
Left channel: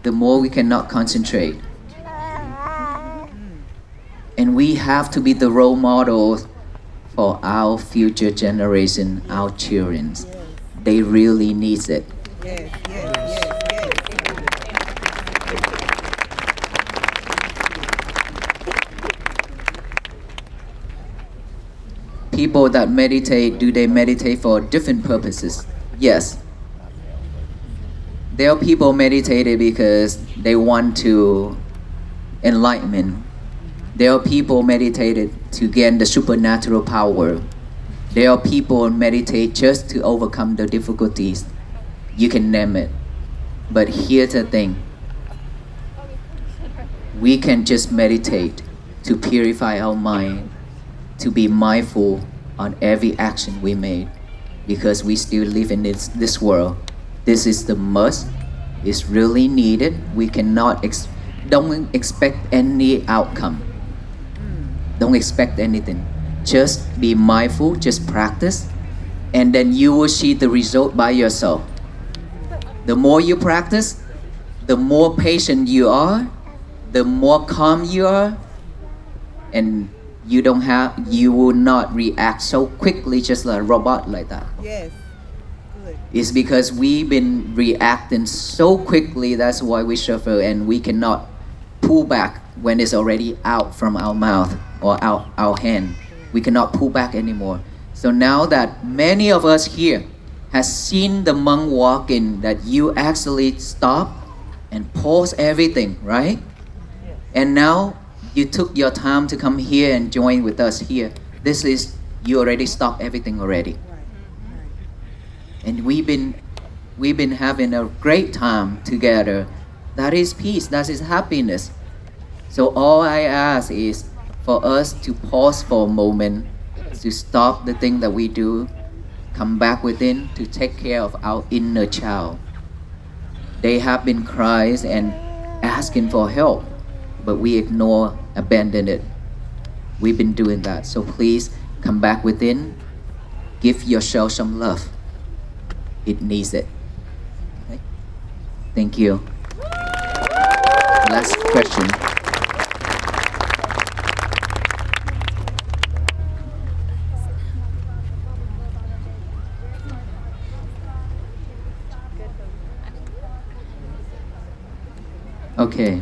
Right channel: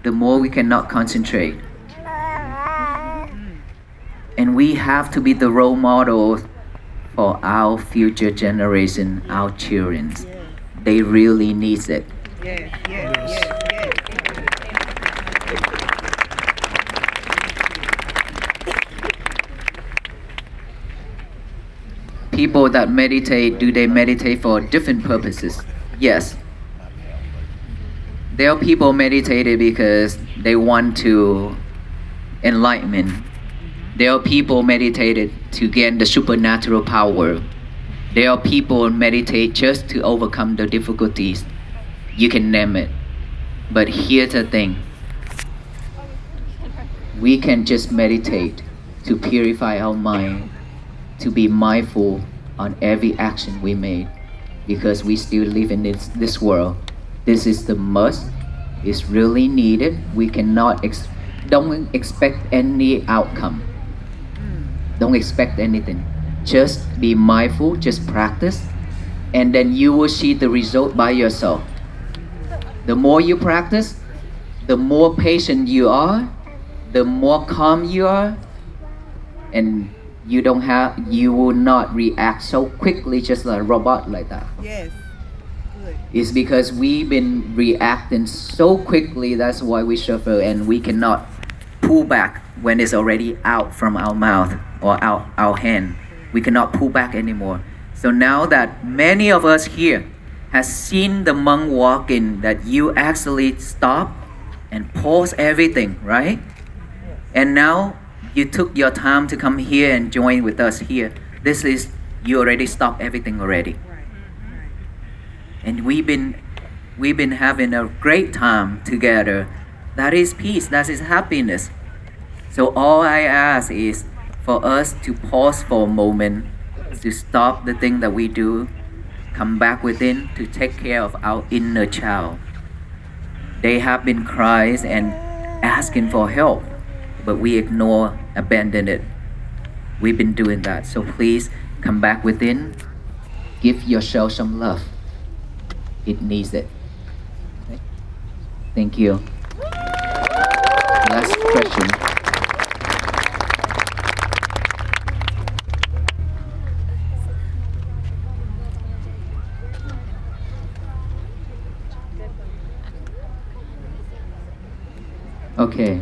the more we cannot concentrate. And we have to be the role models for our future generation, our children. They really need it. Yes, yes, yes, yes. people that meditate, do they meditate for different purposes? Yes. There are people meditated because they want to enlightenment. There are people meditated to gain the supernatural power. There are people meditate just to overcome the difficulties. You can name it. But here's the thing. We can just meditate to purify our mind, to be mindful on every action we made, because we still live in this world. This is the must. It's really needed. We cannot don't expect any outcome. Don't expect anything. Just be mindful, just practice, and then you will see the result by yourself. The more you practice, the more patient you are, the more calm you are, and you will not react so quickly just like a robot like that. Yes. Good. It's because we've been reacting so quickly, that's why we suffer, and we cannot pull back when it's already out from our mouth or out our hand. We cannot pull back anymore. So now that many of us here has seen the monk walking, that you actually stop and pause everything, right? And now you took your time to come here and join with us here. This is, you already stopped everything already. Right. Right. And we've been having a great time together. That is peace, that is happiness. So all I ask is for us to pause for a moment, to stop the thing that we do, come back within to take care of our inner child. They have been crying and asking for help, but we ignore, abandon it. We've been doing that. So please come back within, give yourself some love. It needs it. Okay? Thank you. Last question. Okay.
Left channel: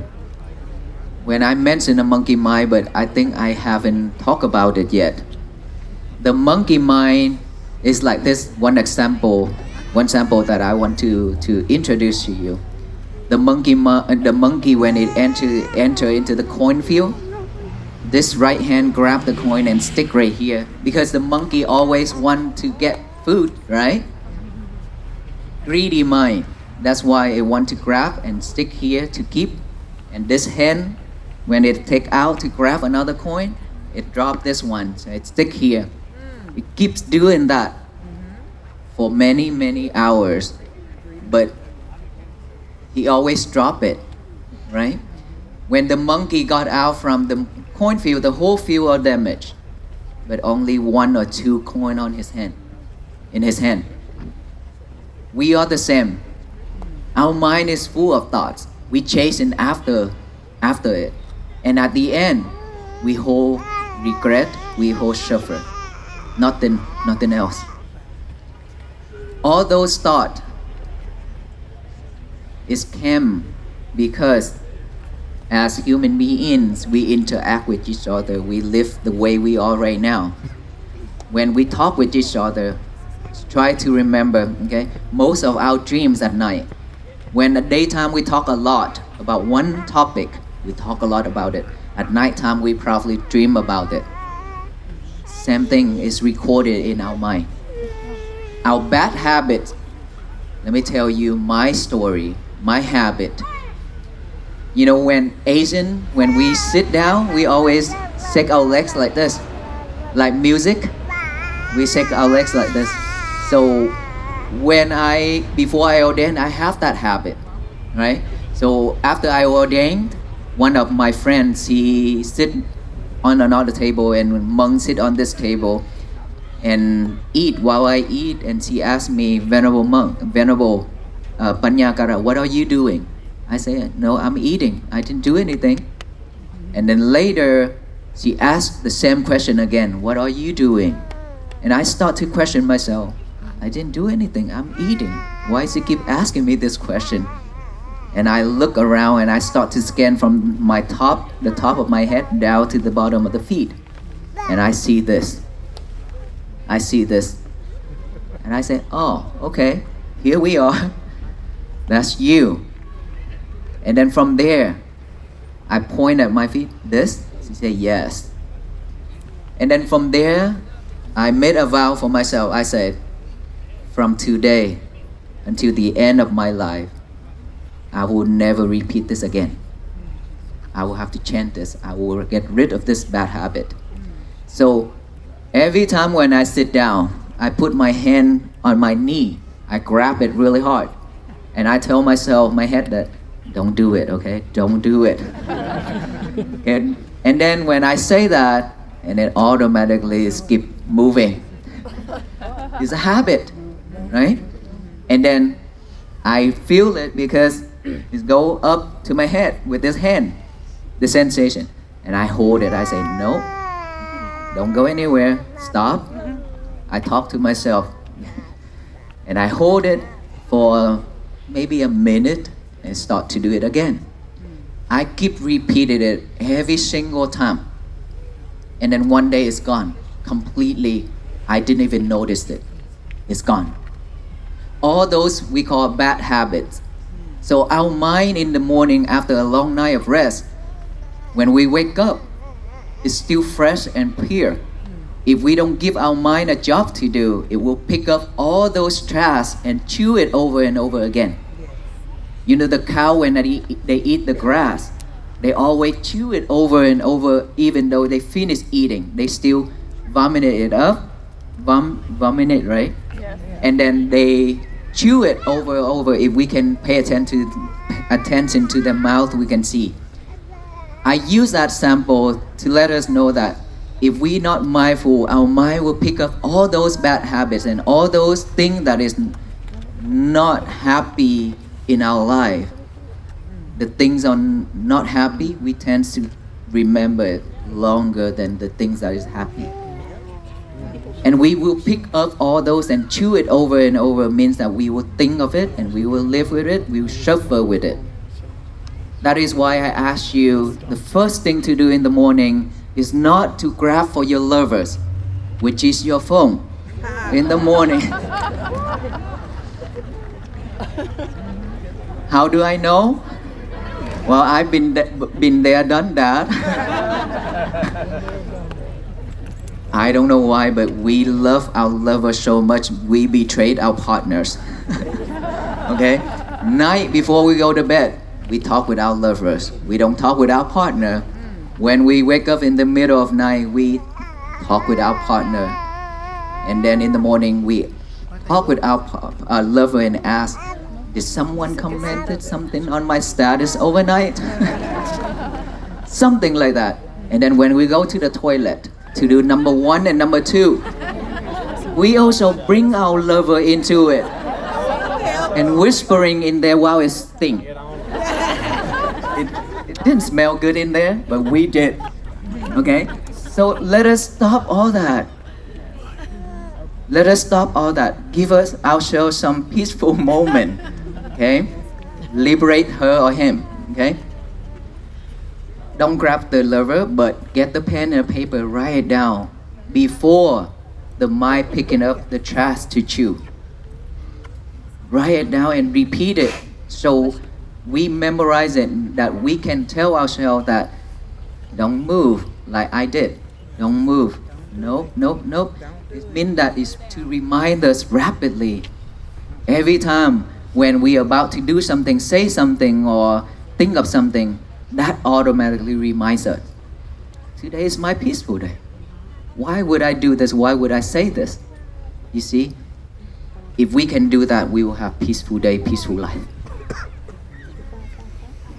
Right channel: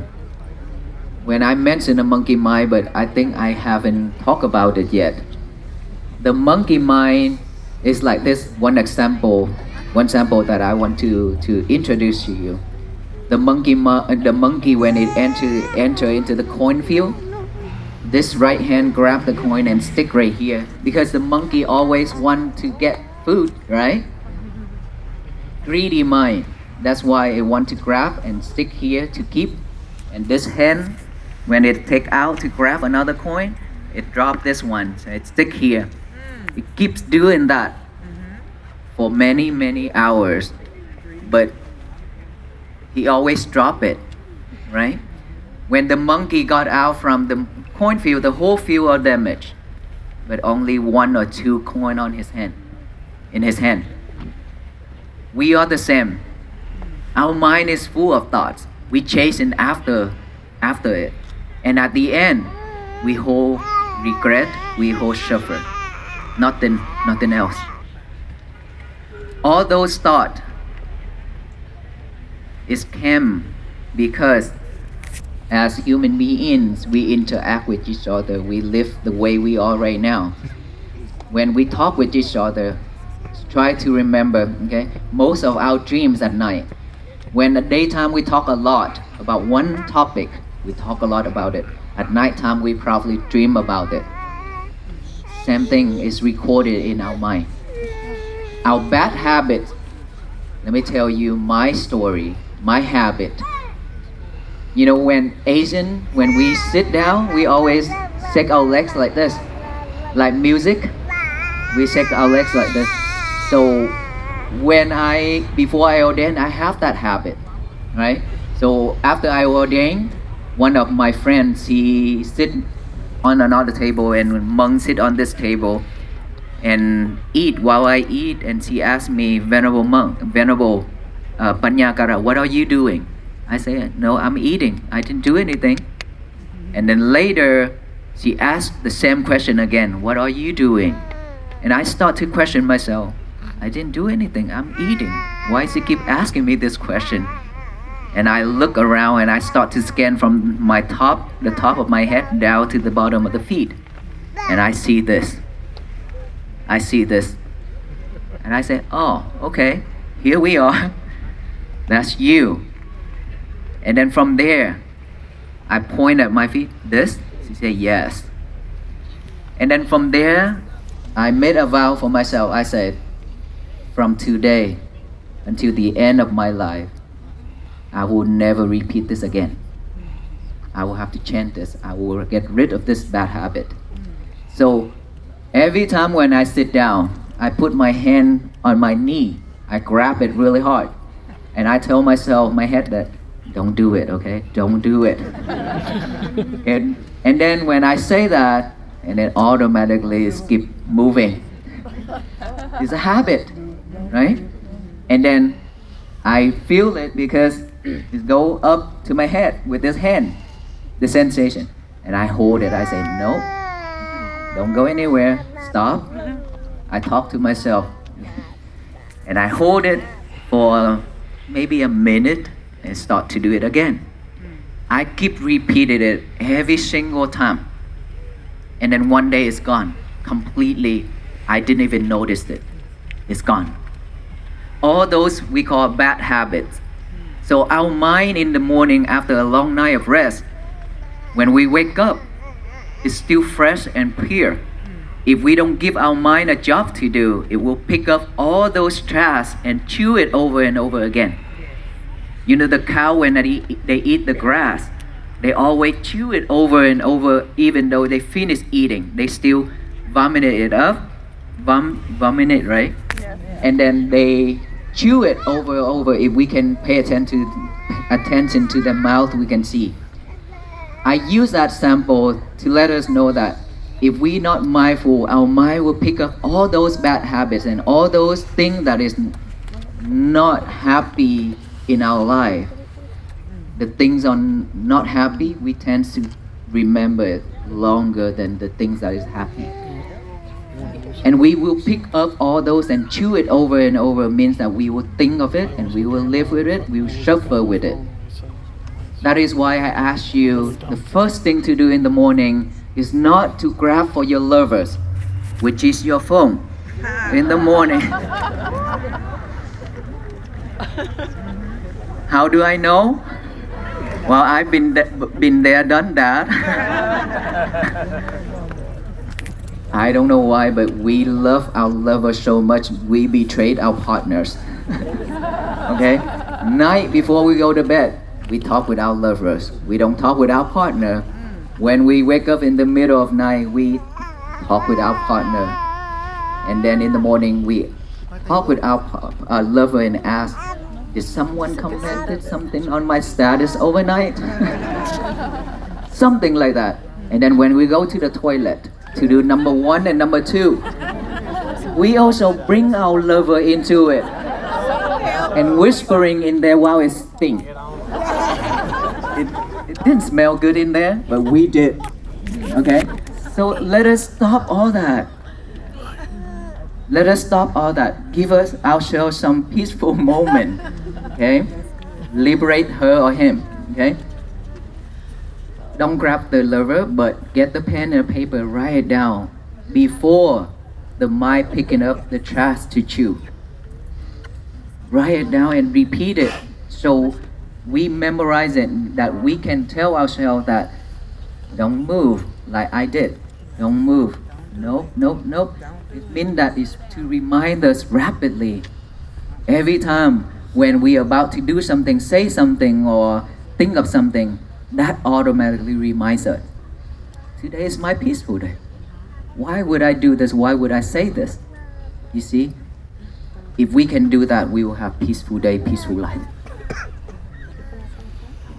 When I mentioned the monkey mind, but I think I haven't talked about it yet. The monkey mind is like this one example that I want to introduce to you. The monkey when it enter into the coin field, this right hand grab the coin and stick right here, because the monkey always want to get food, right? Greedy mind. That's why it want to grab and stick here to keep. And this hand, when it take out to grab another coin, it drop this one, so it stick here. It keeps doing that for many hours, but he always drop it, right? When the monkey got out from the coin field, the whole field was damaged, but only 1 or 2 coin on his hand, in his hand. We are the same. Our mind is full of thoughts. We chasing after it, and at the end, we hold regret, we hold suffer. Nothing else. All those thoughts came because as human beings, we interact with each other. We live the way we are right now. When we talk with each other, try to remember, okay, most of our dreams at night. When at daytime we talk a lot about one topic, we talk a lot about it. At nighttime we probably dream about it. Same thing is recorded in our mind. Our bad habit, let me tell you my story, my habit. You know, when we sit down, we always shake our legs like this. Like music, we shake our legs like this. So before I ordained, I have that habit, right? So after I ordained, one of my friends, he sit on another table and monk sit on this table and eat while I eat, and she asked me, Venerable Panyakara, what are you doing? I said, no, I'm eating. I didn't do anything. And then later, she asked the same question again, what are you doing? And I start to question myself. I didn't do anything, I'm eating. Why does he keep asking me this question? And I look around and I start to scan from the top of my head down to the bottom of the feet. And I see this. I see this. And I said, oh, okay, here we are. That's you. And then from there, I point at my feet, this? She said, yes. And then from there, I made a vow for myself. I said, from today until the end of my life, I will never repeat this again. I will have to change this. I will get rid of this bad habit. So every time when I sit down, I put my hand on my knee. I grab it really hard. And I tell myself, my head, that don't do it, okay? Don't do it. and then when I say that, and it automatically keep moving. It's a habit, right? And then I feel it because it go up to my head with this hand, the sensation. And I hold it. I say, no, don't go anywhere. Stop. I talk to myself. And I hold it for maybe a minute and start to do it again. I keep repeating it every single time. And then one day it's gone. Completely, I didn't even notice it. It's gone. All those we call bad habits. So our mind in the morning after a long night of rest, when we wake up, is still fresh and pure. If we don't give our mind a job to do, it will pick up all those trash and chew it over and over again. You know, the cow, when they eat the grass, they always chew it over and over, even though they finish eating. They still vomit it up, vomit it, right? Yeah. And then they chew it over and over. If we can pay attention to their mouth, we can see. I use that sample to let us know that if we're not mindful, our mind will pick up all those bad habits and all those things that is not happy in our life. The things are not happy, we tend to remember it longer than the things that is happy. And we will pick up all those and chew it over and over. Means that we will think of it and we will live with it, we will suffer with it. That is why I ask you, the first thing to do in the morning is not to grab for your lovers, which is your phone, in the morning. How do I know? Well, I've been there, done that. I don't know why, but we love our lovers so much, we betrayed our partners. Okay? Night before we go to bed, we talk with our lovers. We don't talk with our partner. When we wake up in the middle of night, we talk with our partner. And then in the morning, we talk with our lover and ask, did someone commented something on my status overnight? Something like that. And then when we go to the toilet to do number 1 and number 2, we also bring our lover into it and whispering in there while it stinks. It didn't smell good in there, but we did. Okay? So let us stop all that. Let us stop all that. Give us ourselves some peaceful moment. Okay? Liberate her or him. Okay? Don't grab the lover, but get the pen and paper, write it down before the mind picking up the trash to chew. Write it down and repeat it so we memorize it, that we can tell ourselves that don't move like I did. Don't move. Nope. It means that is to remind us rapidly. Every time when we are about to do something, say something or think of something, that automatically reminds us, today is my peaceful day. Why would I do this? Why would I say this? You see, if we can do that, we will have peaceful day, peaceful life.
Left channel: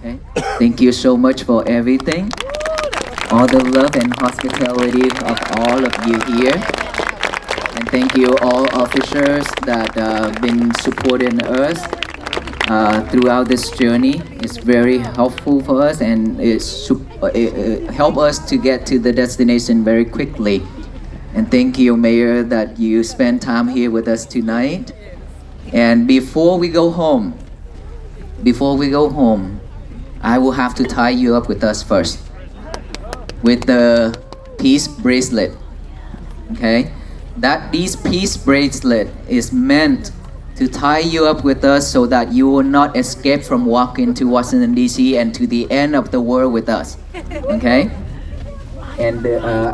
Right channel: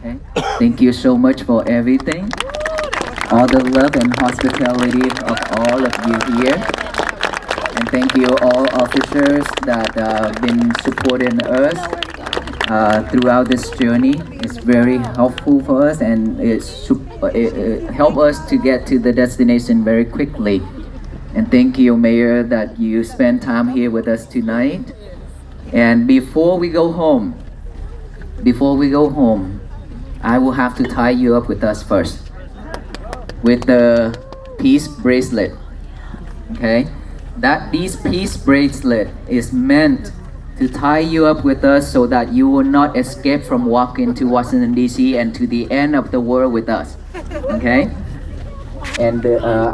Okay? Thank you so much for everything. All the love and hospitality of all of you here. And thank you all officers that have been supporting us throughout this journey. It's very helpful for us, and it helps us to get to the destination very quickly. And thank you, Mayor, that you spent time here with us tonight. And before we go home, I will have to tie you up with us first with the peace bracelet. Okay? that this peace bracelet is meant to tie you up with us so that you will not escape from walking to Washington D.C. and to the end of the world with us. Okay? And